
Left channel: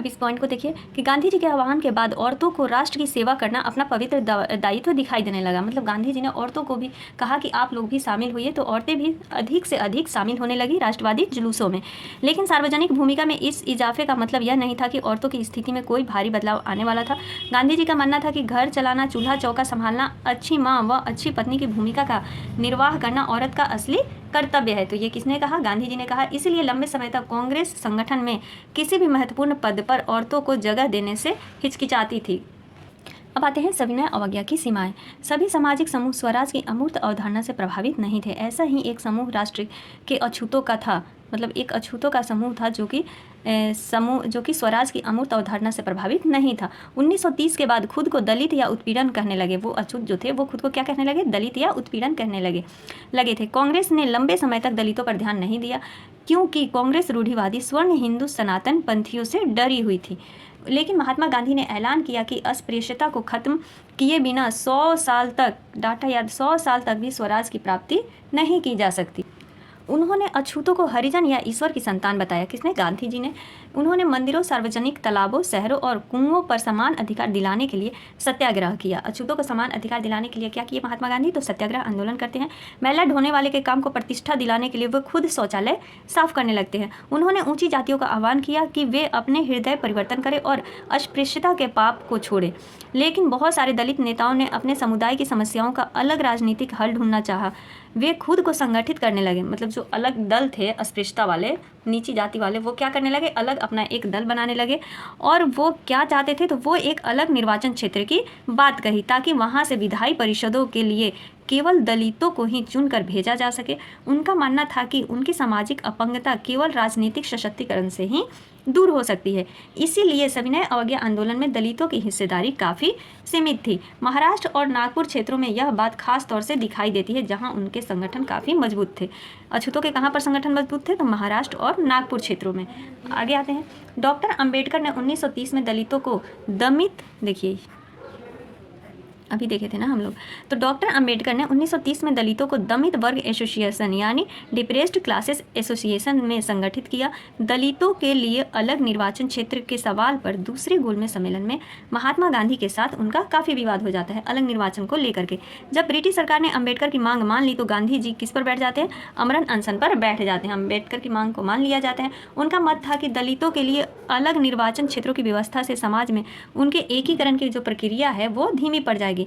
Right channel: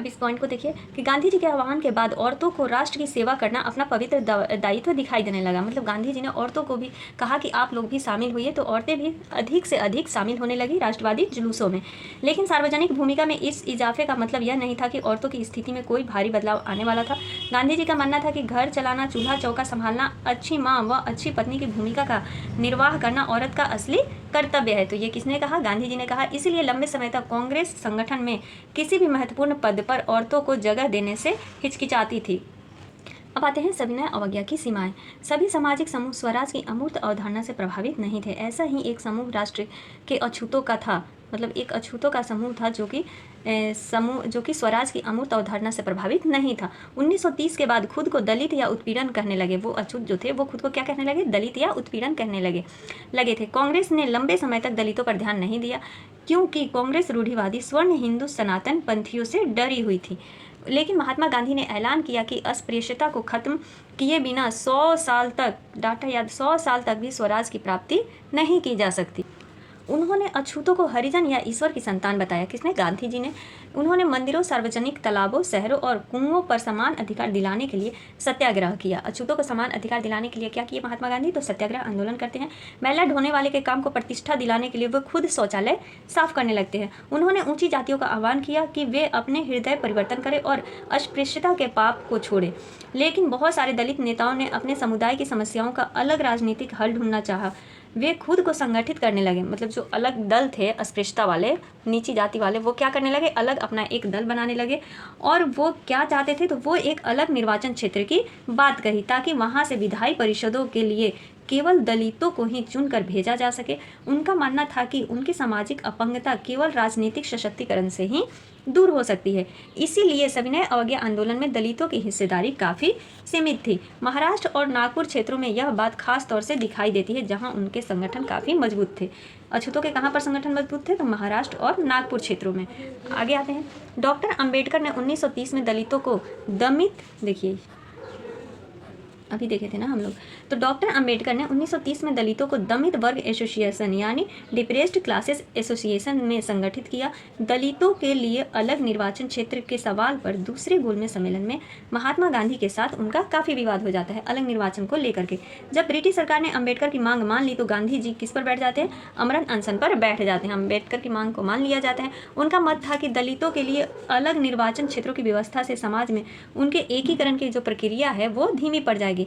अब इस पॉइंट को देखिए कि गांधी जी के आह्वान के बाद औरतों को राष्ट्र की सेवा करना अपना पवित्र दायित्व दिखाई देने लगा। मतलब गांधी जी ने औरतों को भी कहा कि आप लोग भी शामिल हुई, तो औरतें भी अधिक से अधिक शामिल होने लगी राष्ट्रवादी जुलूसों में। लेकिन सार्वजनिक भूमिका में इस इजाफे का मतलब यह नहीं था कि औरतों की स्थिति में कोई भारी बदलाव आने वाला था। गांधी जी का मानना था कि घर चलाना, चूल्हा चौका संभालना, अच्छी माँ व अच्छी पत्नी की भूमिका का निर्वाह करना औरत का असली कर्तव्य है। तो ये किसने कहा? गांधी जी ने कहा। इसलिए लंबे समय तक कांग्रेस संगठन में किसी भी महत्वपूर्ण पद पर औरतों को जगह देने से हिचकिचाती थी। अब आते हैं सविनय अवज्ञा की सीमाएं। सभी सामाजिक समूह स्वराज की अमूर्त अवधारणा से प्रभावित नहीं थे। ऐसा ही एक समूह राष्ट्र के अछूतों का था। मतलब एक अछूतों का समूह था जो कि स्वराज की अमूर्त अवधारणा से प्रभावित नहीं था। 1930 के बाद खुद को दलित या उत्पीड़न कहने लगे। वो अछूत जो थे वो खुद को क्या कहने लगे? दलित या उत्पीड़न कहने लगे थे। कांग्रेस ने लंबे समय तक दलितों पर ध्यान नहीं दिया, क्योंकि कांग्रेस रूढ़िवादी स्वर्ण हिंदू सनातन पंथियों से डरी हुई थी। लेकिन महात्मा गांधी ने ऐलान किया कि अस्पृश्यता को खत्म किए बिना 100 साल तक, डाटा याद, 100 साल तक भी स्वराज की प्राप्ति नहीं की जा सकती। उन्होंने अछूतों को हरिजन या ईश्वर की संतान बताया। किसने? गांधी जी ने। उन्होंने मंदिरों, सार्वजनिक तालाबों, शहरों और कुओं पर समान अधिकार दिलाने के लिए सत्याग्रह किया। अछूतों को समान अधिकार दिलाने के लिए क्या किए महात्मा गांधी? तो सत्याग्रह आंदोलन करते हैं। मैला ढोने वाले के काम को प्रतिष्ठा दिलाने के लिए वो खुद शौचालय साफ करने लगते हैं। उन्होंने ऊंची जातियों का आह्वान किया कि वे अपने हृदय परिवर्तन करें और अस्पृश्यता के पाप को छोड़ें। लेकिन बहुत सारे दलित नेताओं ने अपने समुदाय की समस्याओं का अलग राजनीतिक हल ढूंढना चाहा। वे खुद को संगठित करने लगे। मतलब जो अलग दल थे, अस्पृश्यता वाले, नीची जाति वाले, वो क्या करने लगे? अलग अपना एक दल बनाने लगे। और वो क्या चाहते थे? तो वो एक अलग निर्वाचन क्षेत्र की बात कही, ताकि वहाँ से विधायी परिषदों के लिए केवल दलितों को ही चुनकर भेजा जा सके। उनका मानना था कि उनकी सामाजिक अपंगता केवल राजनीतिक सशक्तिकरण से ही दूर हो सकती है। इसीलिए सविनय अवज्ञा आंदोलन में दलितों की हिस्सेदारी काफ़ी सीमित थी। महाराष्ट्र और नागपुर क्षेत्रों में यह बात खास तौर से दिखाई देती है, जहां उनके संगठन काफ़ी मजबूत थे। अछूतों के कहाँ पर संगठन मजबूत थे? तो महाराष्ट्र और नागपुर क्षेत्रों में। आगे आते हैं। डॉक्टर अंबेडकर ने 1930 में दलितों को दमित, देखिए अभी देखे थे ना हम लोग, तो डॉक्टर अंबेडकर ने 1930 में दलितों को दमित वर्ग एसोसिएशन यानी डिप्रेस्ड क्लासेस एसोसिएशन में संगठित किया। दलितों के लिए अलग निर्वाचन क्षेत्र के सवाल पर दूसरे गोलमेज सम्मेलन में महात्मा गांधी के साथ उनका काफ़ी विवाद हो जाता है, अलग निर्वाचन को लेकर के। जब ब्रिटिश सरकार ने अंबेडकर की मांग मान ली तो गांधी जी किस पर बैठ जाते हैं? आमरण अनशन पर बैठ जाते हैं। अंबेडकर की मांग को मान लिया जाता है। उनका मत था कि दलितों के लिए अलग निर्वाचन क्षेत्रों की व्यवस्था से समाज में उनके एकीकरण की जो प्रक्रिया है वो धीमी पड़ जाएगी।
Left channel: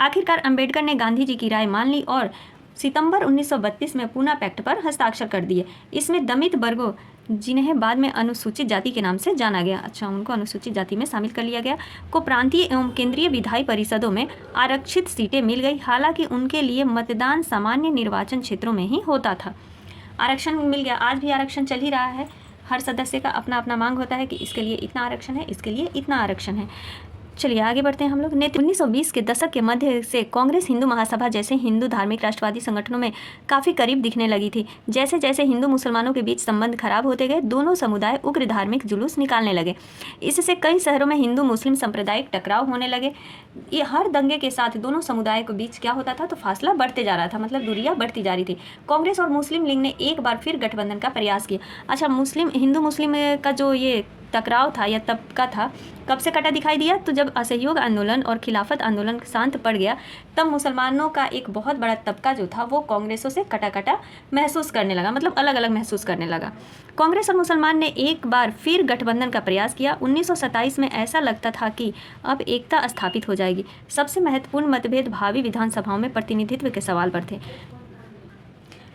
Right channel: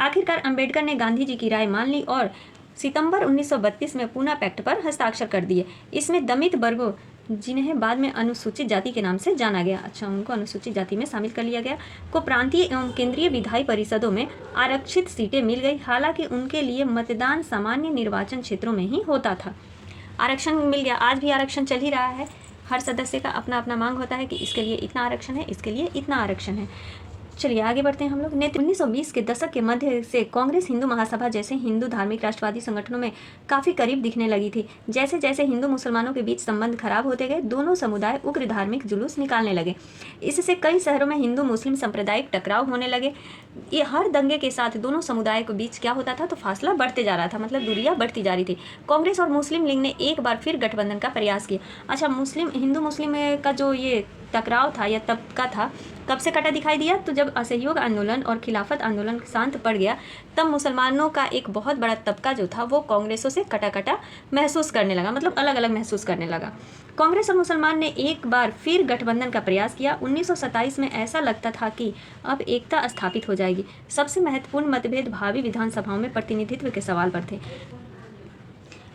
आखिरकार अंबेडकर ने गांधी जी की राय मान ली और सितंबर 1932 में पूना पैक्ट पर हस्ताक्षर कर दिए। इसमें दमित वर्गों, जिन्हें बाद में अनुसूचित जाति के नाम से जाना गया, उनको अनुसूचित जाति में शामिल कर लिया गया, को प्रांतीय एवं केंद्रीय विधायी परिषदों में आरक्षित सीटें मिल गई। हालांकि उनके लिए मतदान सामान्य निर्वाचन क्षेत्रों में ही होता था। आरक्षण मिल गया। आज भी आरक्षण चल ही रहा है। हर सदस्य का अपना अपना मांग होता है कि इसके लिए इतना आरक्षण है, इसके लिए इतना आरक्षण है। चलिए आगे बढ़ते हैं हम लोग। 1920 के दशक के मध्य से कांग्रेस हिंदू महासभा जैसे हिंदू धार्मिक राष्ट्रवादी संगठनों में काफ़ी करीब दिखने लगी थी। जैसे जैसे हिंदू मुसलमानों के बीच संबंध खराब होते गए, दोनों समुदाय उग्र धार्मिक जुलूस निकालने लगे। इससे कई शहरों में हिंदू मुस्लिम सांप्रदायिक टकराव होने लगे। ये हर दंगे के साथ दोनों समुदाय के बीच क्या होता था? तो फासला बढ़ते जा रहा था, मतलब दूरियां बढ़ती जा रही थी। कांग्रेस और मुस्लिम लीग ने एक बार फिर गठबंधन का प्रयास किया। अच्छा, हिंदू मुस्लिम का जो ये टकराव था या तबका था, कब से कटा दिखाई दिया? तो जब असहयोग आंदोलन और खिलाफत आंदोलन शांत पड़ गया, तब मुसलमानों का एक बहुत बड़ा तबका जो था वो कांग्रेसों से कटा कटा महसूस करने लगा, मतलब अलग अलग महसूस करने लगा। कांग्रेस और मुसलमान ने एक बार फिर गठबंधन का प्रयास किया। 1927 में ऐसा लगता था कि अब एकता स्थापित हो जाएगी। सबसे महत्वपूर्ण मतभेद भावी विधानसभाओं में प्रतिनिधित्व के सवाल पर थे।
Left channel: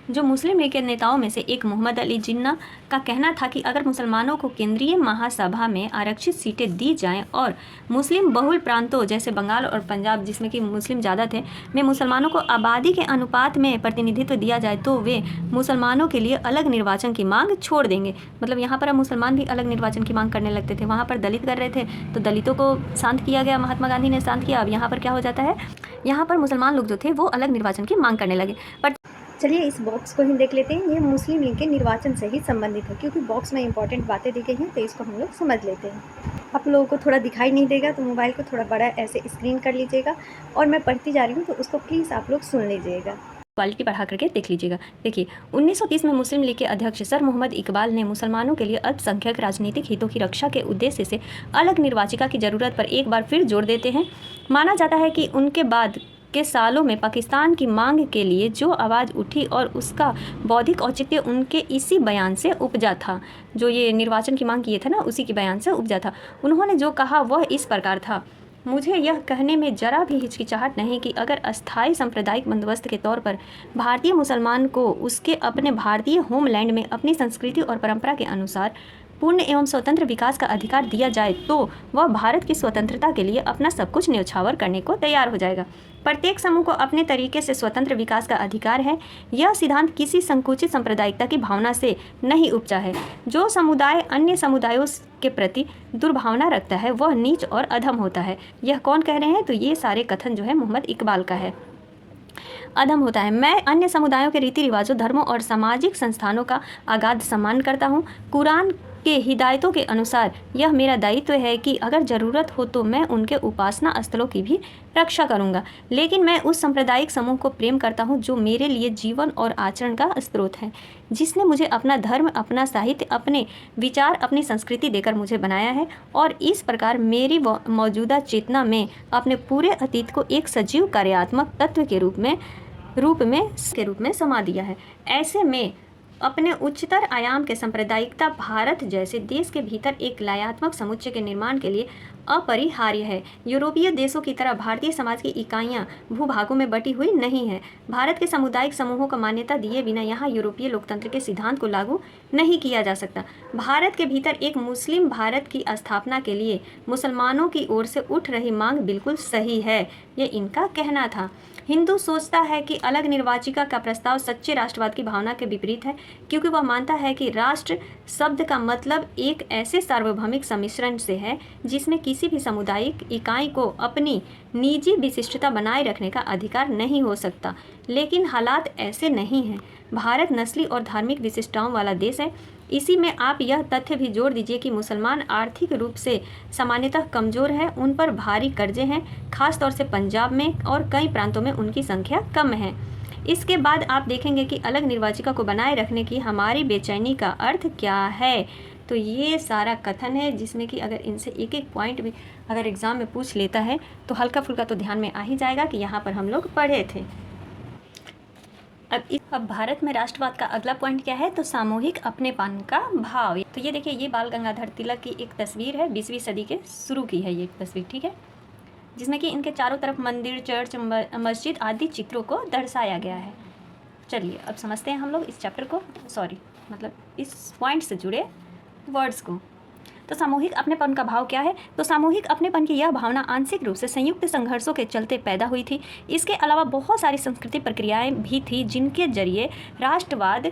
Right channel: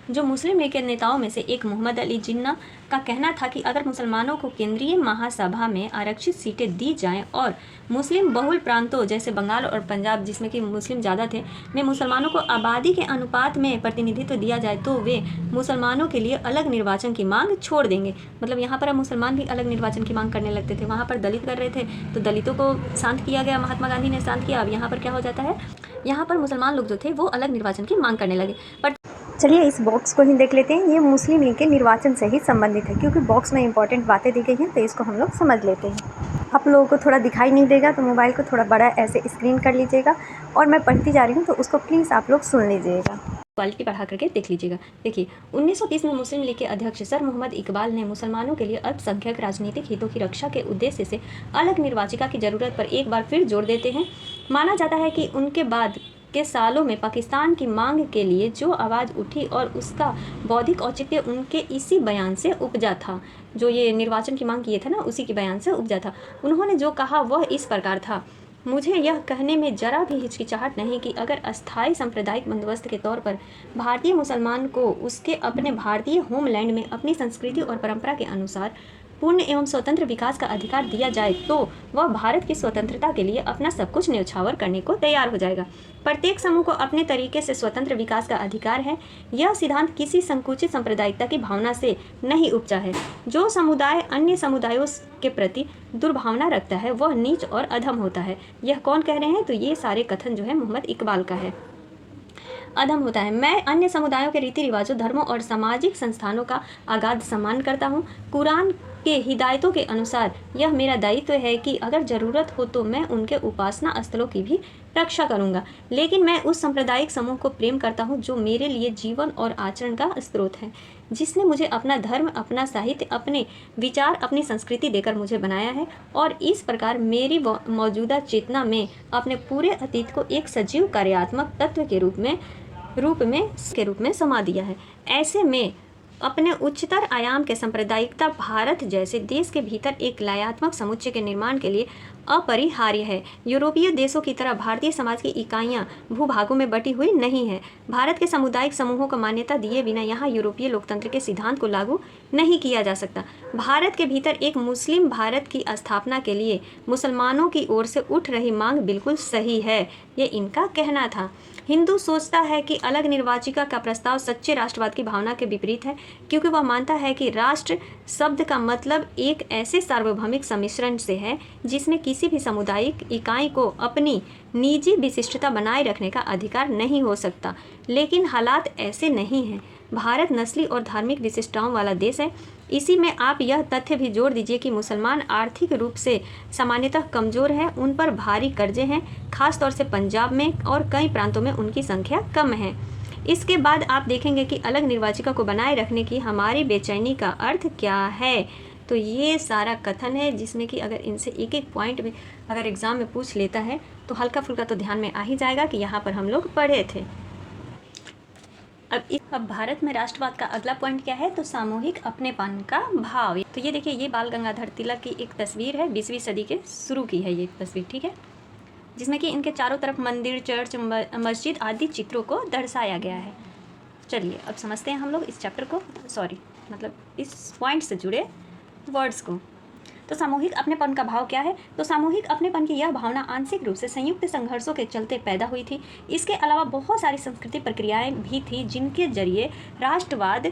जो मुस्लिम लीग के नेताओं में से एक मोहम्मद अली जिन्ना का कहना था कि अगर मुसलमानों को केंद्रीय महासभा में आरक्षित सीटें दी जाएं और मुस्लिम बहुल प्रांतों जैसे बंगाल और पंजाब, जिसमें कि मुस्लिम ज़्यादा थे, में मुसलमानों को आबादी के अनुपात में प्रतिनिधित्व दिया जाए तो वे मुसलमानों के लिए अलग निर्वाचन की मांग छोड़ देंगे। मतलब यहाँ पर अब मुसलमान भी अलग निर्वाचन की मांग करने लगते थे। वहाँ पर दलित कर रहे थे तो दलितों को शांत किया गया, महात्मा गांधी ने शांत किया। अब यहाँ पर क्या हो जाता है? यहाँ पर मुसलमान लोग जो थे वो अलग निर्वाचन की मांग करने लगे। पर चलिए इस बॉक्स को ही देख लेते हैं। ये मुस्लिम लीग के निर्वाचन से ही संबंधित है, क्योंकि बॉक्स में इंपॉर्टेंट बातें दी गई हैं, तो इसको हम लोग समझ लेते हैं। आप लोगों को थोड़ा दिखाई नहीं देगा तो मोबाइल को थोड़ा बड़ा ऐसे स्क्रीन कर लीजिएगा और मैं पढ़ती जा रही हूँ तो उसको प्लीज़ आप लोग सुन लीजिएगा। क्वालिटी बढ़ा करके देख लीजिएगा। देखिए 1930 में मुस्लिम लीग के अध्यक्ष सर मोहम्मद इकबाल ने मुसलमानों के लिए अल्पसंख्यक राजनीतिक हितों की रक्षा के उद्देश्य से अलग निर्वाचिका की जरूरत पर एक बार फिर जोर देते हैं। माना जाता है कि उनके बाद के सालों में पाकिस्तान की मांग के लिए जो आवाज़ उठी और उसका बौद्धिक औचित्य उनके इसी बयान से उपजा था, जो ये निर्वाचन की मांग किए थे ना, उसी के बयान से उपजा था। उन्होंने जो कहा वह इस प्रकार था, मुझे यह कहने में जरा भी हिचकिचाहट नहीं कि अगर अस्थायी सांप्रदायिक बंदोबस्त के तौर पर भारतीय मुसलमान को उसके अपने भारतीय होमलैंड में अपनी संस्कृति और परंपरा के अनुसार पूर्ण एवं स्वतंत्र विकास का अधिकार दिया जाए तो वह भारत की स्वतंत्रता के लिए अपना सब कुछ न्यौछावर करने को तैयार हो जाएगा। प्रत्येक समूह को अपने तरीके से स्वतंत्र विकास का अधिकार है। यह सिद्धांत किसी संकुचित सांप्रदायिकता की भावना से नहीं उपजा है। जो समुदाय अन्य समुदायों के प्रति दुर्भावना रखता है वह नीच और अधम होता है। यह कौन कह रहे हैं? तो ये सारे कथन जो है मोहम्मद इकबाल का है। अधम होता है। मैं अन्य समुदायों के रीति रिवाजों, धर्मों और सामाजिक संस्थानों का अगाध सम्मान करता हूँ। कुरान के हिदायतों के अनुसार यह मेरा दायित्व है कि अगर ज़रूरत हो तो मैं उनके उपासना स्थलों की भी रक्षा करूँगा। लेकिन मैं उस सांप्रदायिक समूह को प्रेम करता हूँ जो मेरे लिए जीवन और आचरण का स्रोत है, जिसने मुझे अपना धर्म, अपना साहित्य, अपने विचार, अपनी संस्कृति देकर मुझे बनाया है और इस प्रकार मेरी मौजूदा चेतना में अपने पूरे अतीत को एक सजीव कार्यात्मक तत्व के रूप में समा दिया है। ऐसे में अपने उच्चतर आयाम के सांप्रदायिकता भारत जैसे देश के भीतर एक लयात्मक समुच्चय के निर्माण के लिए अपरिहार्य है। यूरोपीय देशों की तरह भारतीय समाज की इकाइयां भूभागों में बटी हुई नहीं है। भारत के सामुदायिक समूहों को मान्यता दिए बिना यहाँ यूरोपीय लोकतंत्र के सिद्धांत को लागू नहीं किया जा सकता। भारत के भीतर एक मुस्लिम भारत की स्थापना के लिए मुसलमानों की ओर से उठ रही मांग बिल्कुल सही है, ये इनका कहना था। हिंदू सोचता है कि अलग निर्वाचिका का प्रस्ताव सच्चे राष्ट्रवाद की भावना के विपरीत है, क्योंकि वह मानता है कि राष्ट्र शब्द का मतलब एक ऐसे सार्वभौमिक सम्मिश्रण से है जिसमें किसी भी सामुदायिक इकाई को अपनी निजी विशिष्टता बनाए रखने का अधिकार नहीं हो सकता। लेकिन हालात ऐसे नहीं हैं। भारत नस्ली और धार्मिक विशिष्टताओं वाला देश है। इसी में आप यह तथ्य भी जोड़ दीजिए कि मुसलमान आर्थिक रूप से सामान्यतः कमज़ोर है, उन पर भारी कर्जे हैं, खास तौर से पंजाब में और कई प्रांतों में उनकी संख्या कम है। इसके बाद आप देखेंगे कि अलग निर्वाचिका को बनाए रखने की हमारी बेचैनी का अर्थ क्या है। तो ये सारा कथन है जिसमें कि अगर इनसे एक एक पॉइंट भी अगर एग्ज़ाम में पूछ लेता है तो हल्का फुल्का तो ध्यान में आ ही जाएगा कि यहाँ पर हम लोग पढ़े थे। अब भारत में राष्ट्रवाद का अगला पॉइंट क्या है? तो सामूहिक अपनेपन का भाव। तो ये देखिए, ये बाल गंगाधर तिलक की एक तस्वीर है, 20वीं सदी के शुरू की है ये तस्वीर, ठीक है, जिसमें कि इनके चारों तरफ मंदिर, चर्च, मस्जिद आदि चित्रों को दर्शाया गया है। चलिए अब समझते हैं हम लोग इस चैप्टर को, इस पॉइंट से जुड़े वर्ड्स को। तो सामूहिक अपनेपन का भाव क्या है? तो सामूहिक अपनेपन की यह भावना आंशिक रूप से संयुक्त संघर्षों के चलते पैदा हुई थी। इसके अलावा बहुत सारी सांस्कृतिक प्रक्रियाएं भी थी जिनके जरिए राष्ट्रवाद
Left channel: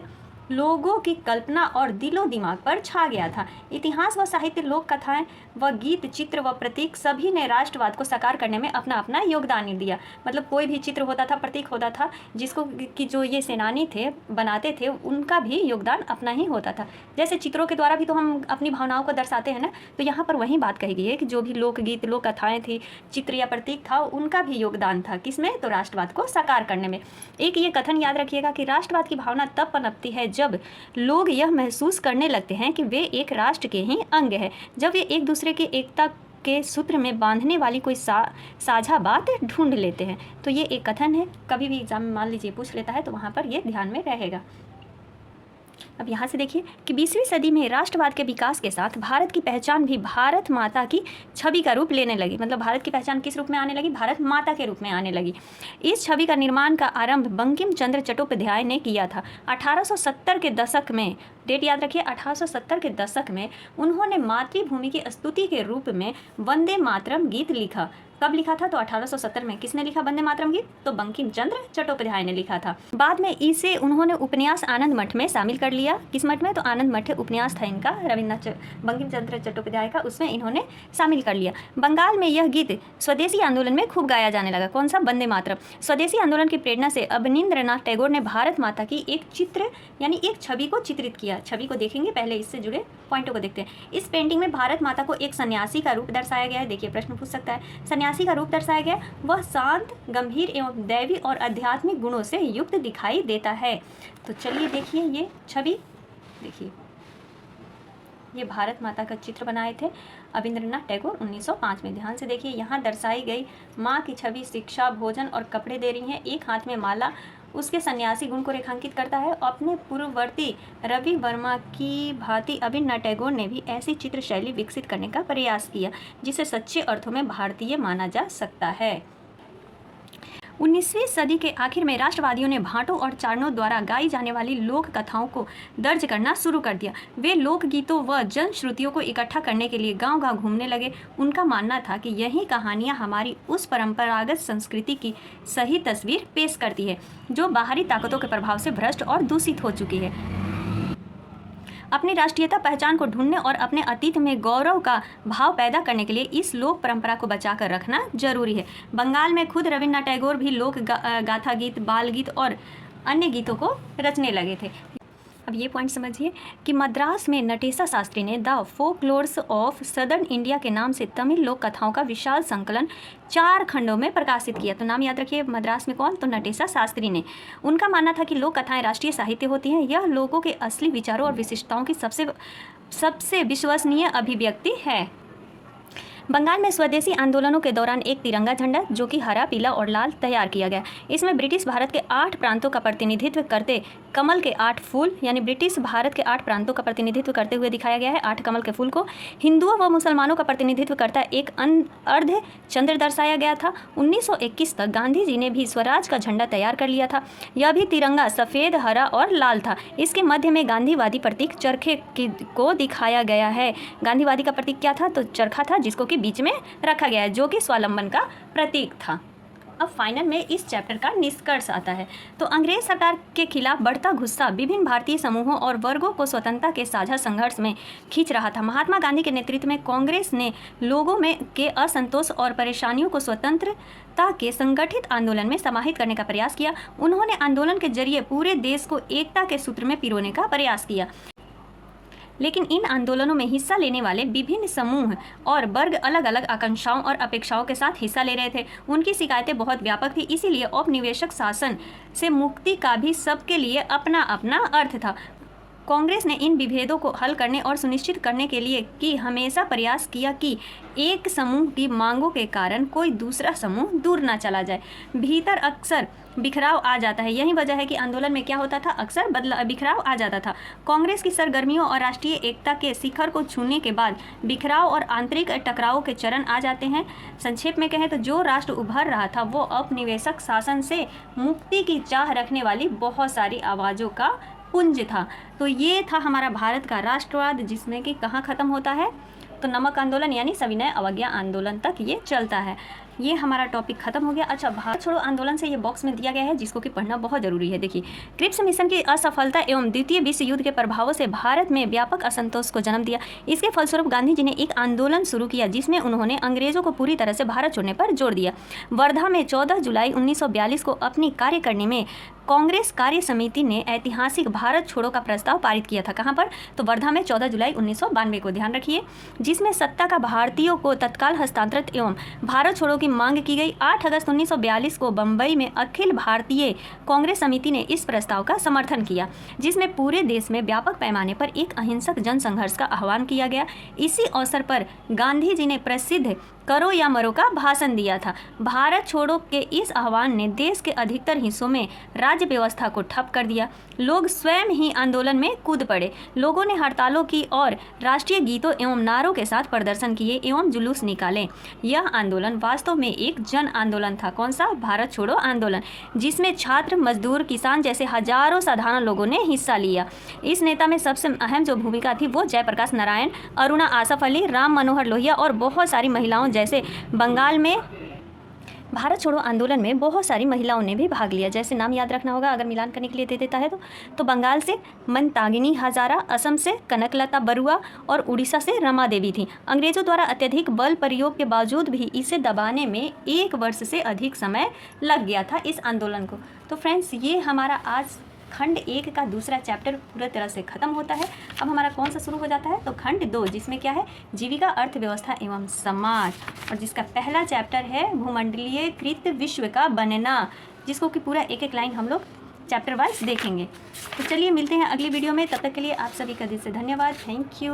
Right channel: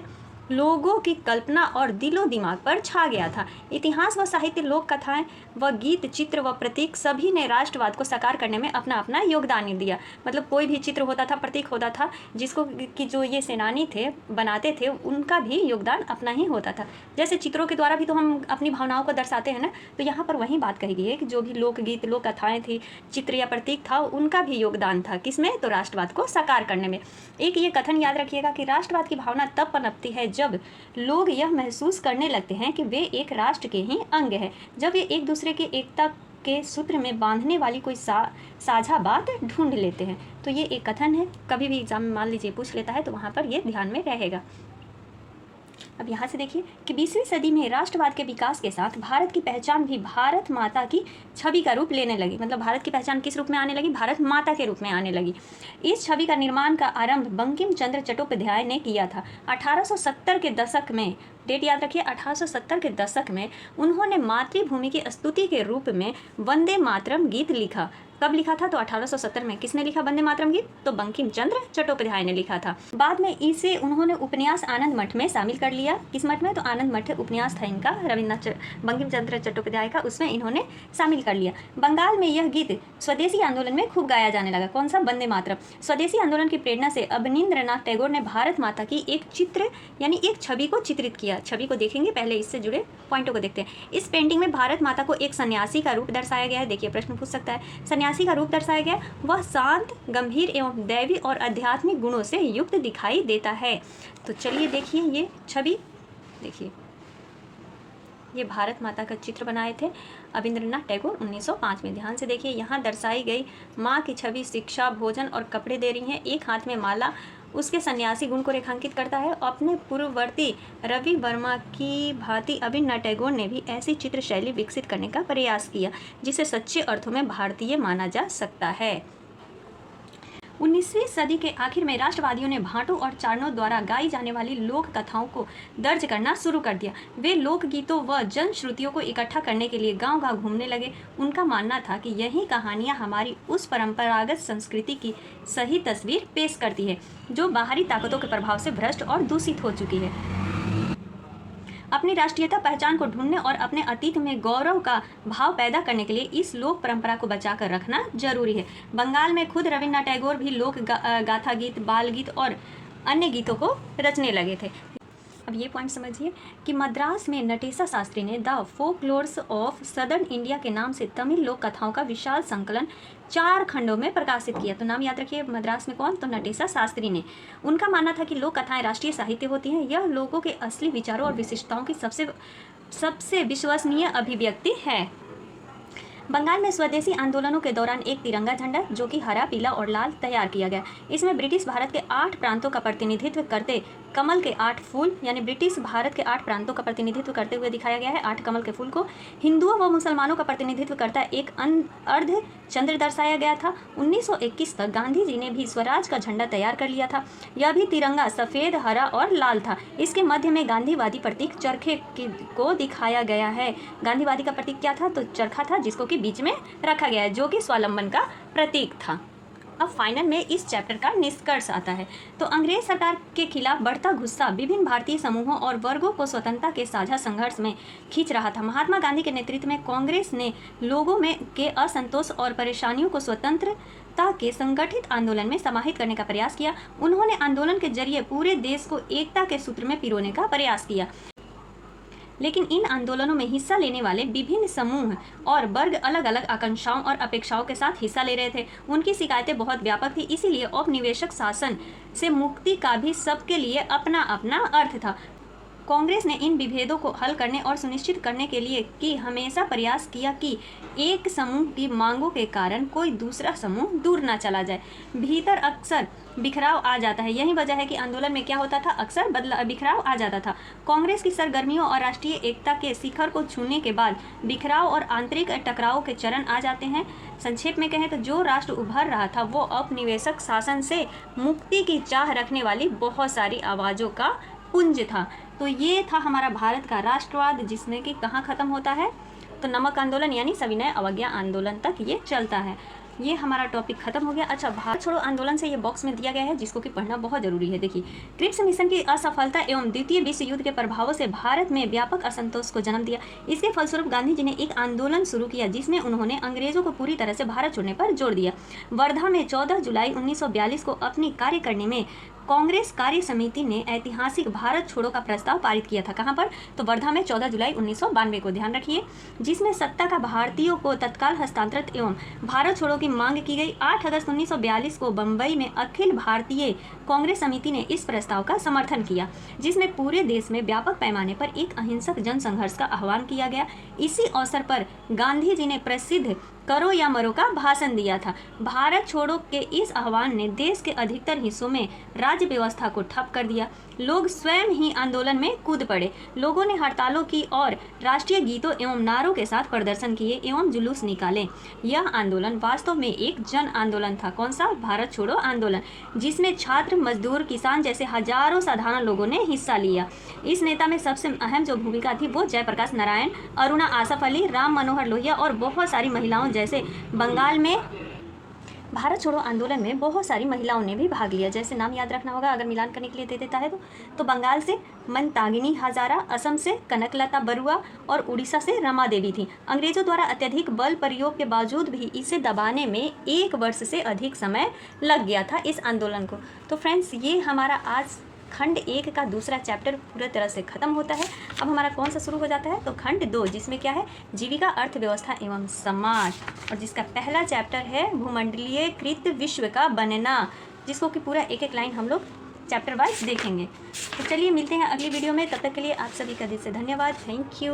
लोगों की कल्पना और दिलो दिमाग पर छा गया था। इतिहास व साहित्य, लोक कथाएं व गीत, चित्र व प्रतीक सभी ने राष्ट्रवाद को साकार करने में अपना अपना योगदान दिया। मतलब कोई भी चित्र होता था, प्रतीक होता था, जिसको कि जो ये सेनानी थे बनाते थे, उनका भी योगदान अपना ही होता था। जैसे चित्रों के द्वारा भी तो हम अपनी भावनाओं को दर्शाते हैं ना, तो यहाँ पर वही बात कही गई है कि जो भी लोकगीत, लोक कथाएँ थी, चित्र या प्रतीक था, उनका भी योगदान था किसमें? तो राष्ट्रवाद को साकार करने में। एक ये कथन याद रखिएगा कि राष्ट्रवाद की भावना तब पनपती है जब लोग यह महसूस करने लगते हैं कि वे एक राष्ट्र के ही अंग हैं, जब वे एक दूसरे की एकता के सूत्र में बांधने वाली कोई साझा बात ढूंढ लेते हैं। तो ये एक कथन है, कभी भी एग्जाम में मान लीजिए पूछ लेता है तो वहाँ पर ये ध्यान में रहेगा। अब यहाँ से देखिए कि 20वीं सदी में राष्ट्रवाद के विकास के साथ भारत की पहचान भी भारत माता की छवि का रूप लेने लगी। मतलब भारत की पहचान किस रूप में आने लगी? भारत माता के रूप में आने लगी। इस छवि का निर्माण का आरंभ बंकिम चंद्र चट्टोपाध्याय ने किया था। 1870 के दशक में, डेट याद रखिए, 1870 के दशक में उन्होंने मातृभूमि की स्तुति के रूप में वंदे मातरम गीत लिखा। कब लिखा था? तो 1870 में। किसने लिखा वंदे मातरम गीत? तो बंकिम चंद्र चट्टोपाध्याय ने लिखा था। बाद में इसे उन्होंने उपन्यास आनंद मठ में शामिल कर लिया। किस मठ में? तो आनंद मठ उपन्यास था इनका, बंकिम चंद्र चट्टोपाध्याय का, उसमें इन्होंने शामिल कर लिया। बंगाल में यह गीत स्वदेशी आंदोलन में खूब गाया जाने लगा। कौन सा? वंदे मातरम। स्वदेशी आंदोलन की प्रेरणा से अवनींद्रनाथ टैगोर ने भारत माता की एक चित्र यानी एक छवि को चित्रित किया। छवि को देखेंगे, पहले इससे जुड़े पॉइंटों को देखते हैं। इस पेंटिंग में भारत माता को एक सन्यासी का रूप दर्शाया गया है। देखिए, प्रश्न पूछ सकता है सन्यासी का रूप दर्शाया गया, वह शांत, गंभीर एवं दैवी और आध्यात्मिक गुणों से युक्त दिखाई देता है। तो चलिए देखिए ये छवि, देखिए ये भारत माता का चित्र बनाए थे रविंद्रनाथ टैगोर 1905 में। ध्यान से देखिए, यहाँ दर्शाई गई माँ की छवि शिक्षा, भोजन और कपड़े दे रही हैं। एक हाथ में माला उसके सन्यासी गुण को रेखांकित करता है। अपने पूर्ववर्ती रवि वर्मा की भांति रविंद्रनाथ टैगोर ने भी ऐसी चित्र शैली विकसित करने का प्रयास किया जिसे सच्चे अर्थों में भारतीय माना जा सकता है। 19वीं सदी के आखिर में राष्ट्रवादियों ने भाटों और चारणों द्वारा गाई जाने वाली लोक कथाओं को दर्ज करना शुरू कर दिया। वे लोकगीतों व जनश्रुतियों को इकट्ठा करने के लिए गांव-गांव घूमने लगे। उनका मानना था कि यही कहानियां हमारी उस परंपरागत संस्कृति की सही तस्वीर पेश करती है जो बाहरी ताकतों के प्रभाव से भ्रष्ट और दूषित हो चुकी है। अपनी राष्ट्रीयता पहचान को ढूंढने और अपने अतीत में गौरव का भाव पैदा करने के लिए इस लोक परंपरा को बचाकर रखना जरूरी है। बंगाल में खुद रविंद्रनाथ टैगोर भी लोक गाथा गीत, बाल गीत और अन्य गीतों को रचने लगे थे। अब ये पॉइंट समझिए कि मद्रास में नटेशा शास्त्री ने the folklores of southern India के नाम से तमिल लोक कथाओं का विशाल संकलन 4 खंडों में प्रकाशित किया। तो नाम याद रखिए, मद्रास में कौन? तो नटेशा शास्त्री ने। उनका मानना था कि लोक कथाएं राष्ट्रीय साहित्य होती हैं। यह लोगों के असली विचारों और विशिष्टताओं की सबसे विश्वसनीय अभिव्यक्ति है। बंगाल में स्वदेशी आंदोलनों के दौरान एक तिरंगा झंडा जो कि हरा, पीला और लाल तैयार किया गया। इसमें ब्रिटिश भारत के 8 प्रांतों का प्रतिनिधित्व करते कमल के 8 फूल, यानी ब्रिटिश भारत के 8 प्रांतों का प्रतिनिधित्व करते हुए दिखाया गया है 8 कमल के फूल को। हिंदुओं व मुसलमानों का प्रतिनिधित्व करता एक अर्ध चंद्र दर्शाया गया था। 1921 तक गांधी जी ने भी स्वराज का झंडा तैयार कर लिया था। यह भी तिरंगा सफ़ेद, हरा और लाल था। इसके मध्य में गांधीवादी प्रतीक चरखे को दिखाया गया है। गांधीवादी का प्रतीक क्या था? तो चरखा था, जिसको बीच में रखा गया है, जो कि स्वावलंबन का प्रतीक था। अब फाइनल में इस चैप्टर का निष्कर्ष आता है। तो अंग्रेज सरकार के खिलाफ बढ़ता गुस्सा विभिन्न भारतीय समूहों और वर्गों को स्वतंत्रता के साझा संघर्ष में खींच रहा था। महात्मा गांधी के नेतृत्व में कांग्रेस ने लोगों में के असंतोष और परेशानियों को स्वतंत्रता के संगठित आंदोलन में समाहित करने का प्रयास किया। उन्होंने आंदोलन के जरिए पूरे देश को एकता के सूत्र में पिरोने का प्रयास किया। लेकिन इन आंदोलनों में हिस्सा लेने वाले विभिन्न समूह और वर्ग अलग अलग आकांक्षाओं और अपेक्षाओं के साथ हिस्सा ले रहे थे। उनकी शिकायतें बहुत व्यापक थी, इसीलिए औपनिवेशिक शासन से मुक्ति का भी सबके लिए अपना अपना अर्थ था। कांग्रेस ने इन विभेदों को हल करने और सुनिश्चित करने के लिए कि हमेशा प्रयास किया कि एक समूह की मांगों के कारण कोई दूसरा समूह दूर ना चला जाए। भीतर अक्सर बिखराव आ जाता है। यही वजह है कि आंदोलन में क्या होता था, अक्सर बिखराव आ जाता था। कांग्रेस की सरगर्मियों और राष्ट्रीय एकता के शिखर को छूने के बाद बिखराव और आंतरिक टकराव के चरण आ जाते हैं। संक्षेप में कहें तो जो राष्ट्र उभर रहा था वो औपनिवेशिक शासन से मुक्ति की चाह रखने वाली बहुत सारी आवाज़ों का पुंज था। तो ये था हमारा भारत का राष्ट्रवाद, जिसमें कि कहाँ ख़त्म होता है? तो नमक आंदोलन यानी सविनय अवज्ञा आंदोलन तक ये चलता है। ये हमारा टॉपिक खत्म हो गया। अच्छा, भारत छोड़ो आंदोलन से ये बॉक्स में दिया गया है, जिसको कि पढ़ना बहुत जरूरी है। देखिए, क्रिप्स मिशन की असफलता एवं द्वितीय विश्व युद्ध के प्रभावों से भारत में व्यापक असंतोष को जन्म दिया। इसके फलस्वरूप गांधी जी ने एक आंदोलन शुरू किया, जिसमें उन्होंने अंग्रेजों को पूरी तरह से भारत छोड़ने पर जोर दिया। वर्धा में 14 जुलाई 1942 को अपनी कार्यकारिणी में कांग्रेस कार्य समिति ने ऐतिहासिक भारत छोड़ो का प्रस्ताव पारित किया था। कहाँ पर? तो वर्धा में 14 जुलाई 1992 को, ध्यान रखिए, जिसमें सत्ता का भारतीयों को तत्काल हस्तांतरित एवं भारत छोड़ो की मांग की गई। 8 अगस्त 1942 को बम्बई में अखिल भारतीय कांग्रेस समिति ने इस प्रस्ताव का समर्थन किया, जिसमें पूरे देश में व्यापक पैमाने पर एक अहिंसक जनसंघर्ष का आह्वान किया गया। इसी अवसर पर गांधी जी ने प्रसिद्ध करो या मरो का भाषण दिया था। भारत छोड़ो के इस आह्वान ने देश के अधिकतर हिस्सों में राज्य व्यवस्था को ठप कर दिया। लोग स्वयं ही आंदोलन में कूद पड़े। लोगों ने हड़तालों की और राष्ट्रीय गीतों एवं नारों के साथ प्रदर्शन किए एवं जुलूस निकाले। यह आंदोलन वास्तव में एक जन आंदोलन था। कौन सा? भारत छोड़ो आंदोलन, जिसमें छात्र, मजदूर, किसान जैसे हजारों साधारण लोगों ने हिस्सा लिया। इस नेता में सबसे अहम जो भूमिका थी वो जयप्रकाश नारायण, अरुणा आसफ अली, राम मनोहर लोहिया और बहुत सारी महिलाओं जैसे बंगाल में भारत छोड़ो आंदोलन में बहुत सारी महिलाओं ने भी भाग लिया। जैसे नाम याद रखना होगा अगर मिलान करने के लिए दे देता है तो बंगाल से मंतागिनी हजारा, असम से कनकलता बरुआ और उड़ीसा से रमा देवी थी। अंग्रेजों द्वारा अत्यधिक बल प्रयोग के बावजूद भी इसे दबाने में 1 वर्ष से अधिक समय लग गया था इस आंदोलन को। तो फ्रेंड्स, ये हमारा आज खंड 1 का दूसरा चैप्टर पूरा तरह से खत्म होता है। अब हमारा कौन सा शुरू हो जाता है, तो खंड 2, जिसमें क्या है, जीविका, अर्थव्यवस्था एवं समाज, और जिसका पहला चैप्टर है भूमंडलीयकृत विश्व का बनना, जिसको कि पूरा एक एक लाइन हम लोग चैप्टर वाइज देखेंगे। तो चलिए मिलते हैं अगली वीडियो में, तब तक के लिए आप सभी का दिल से धन्यवाद। Thank you.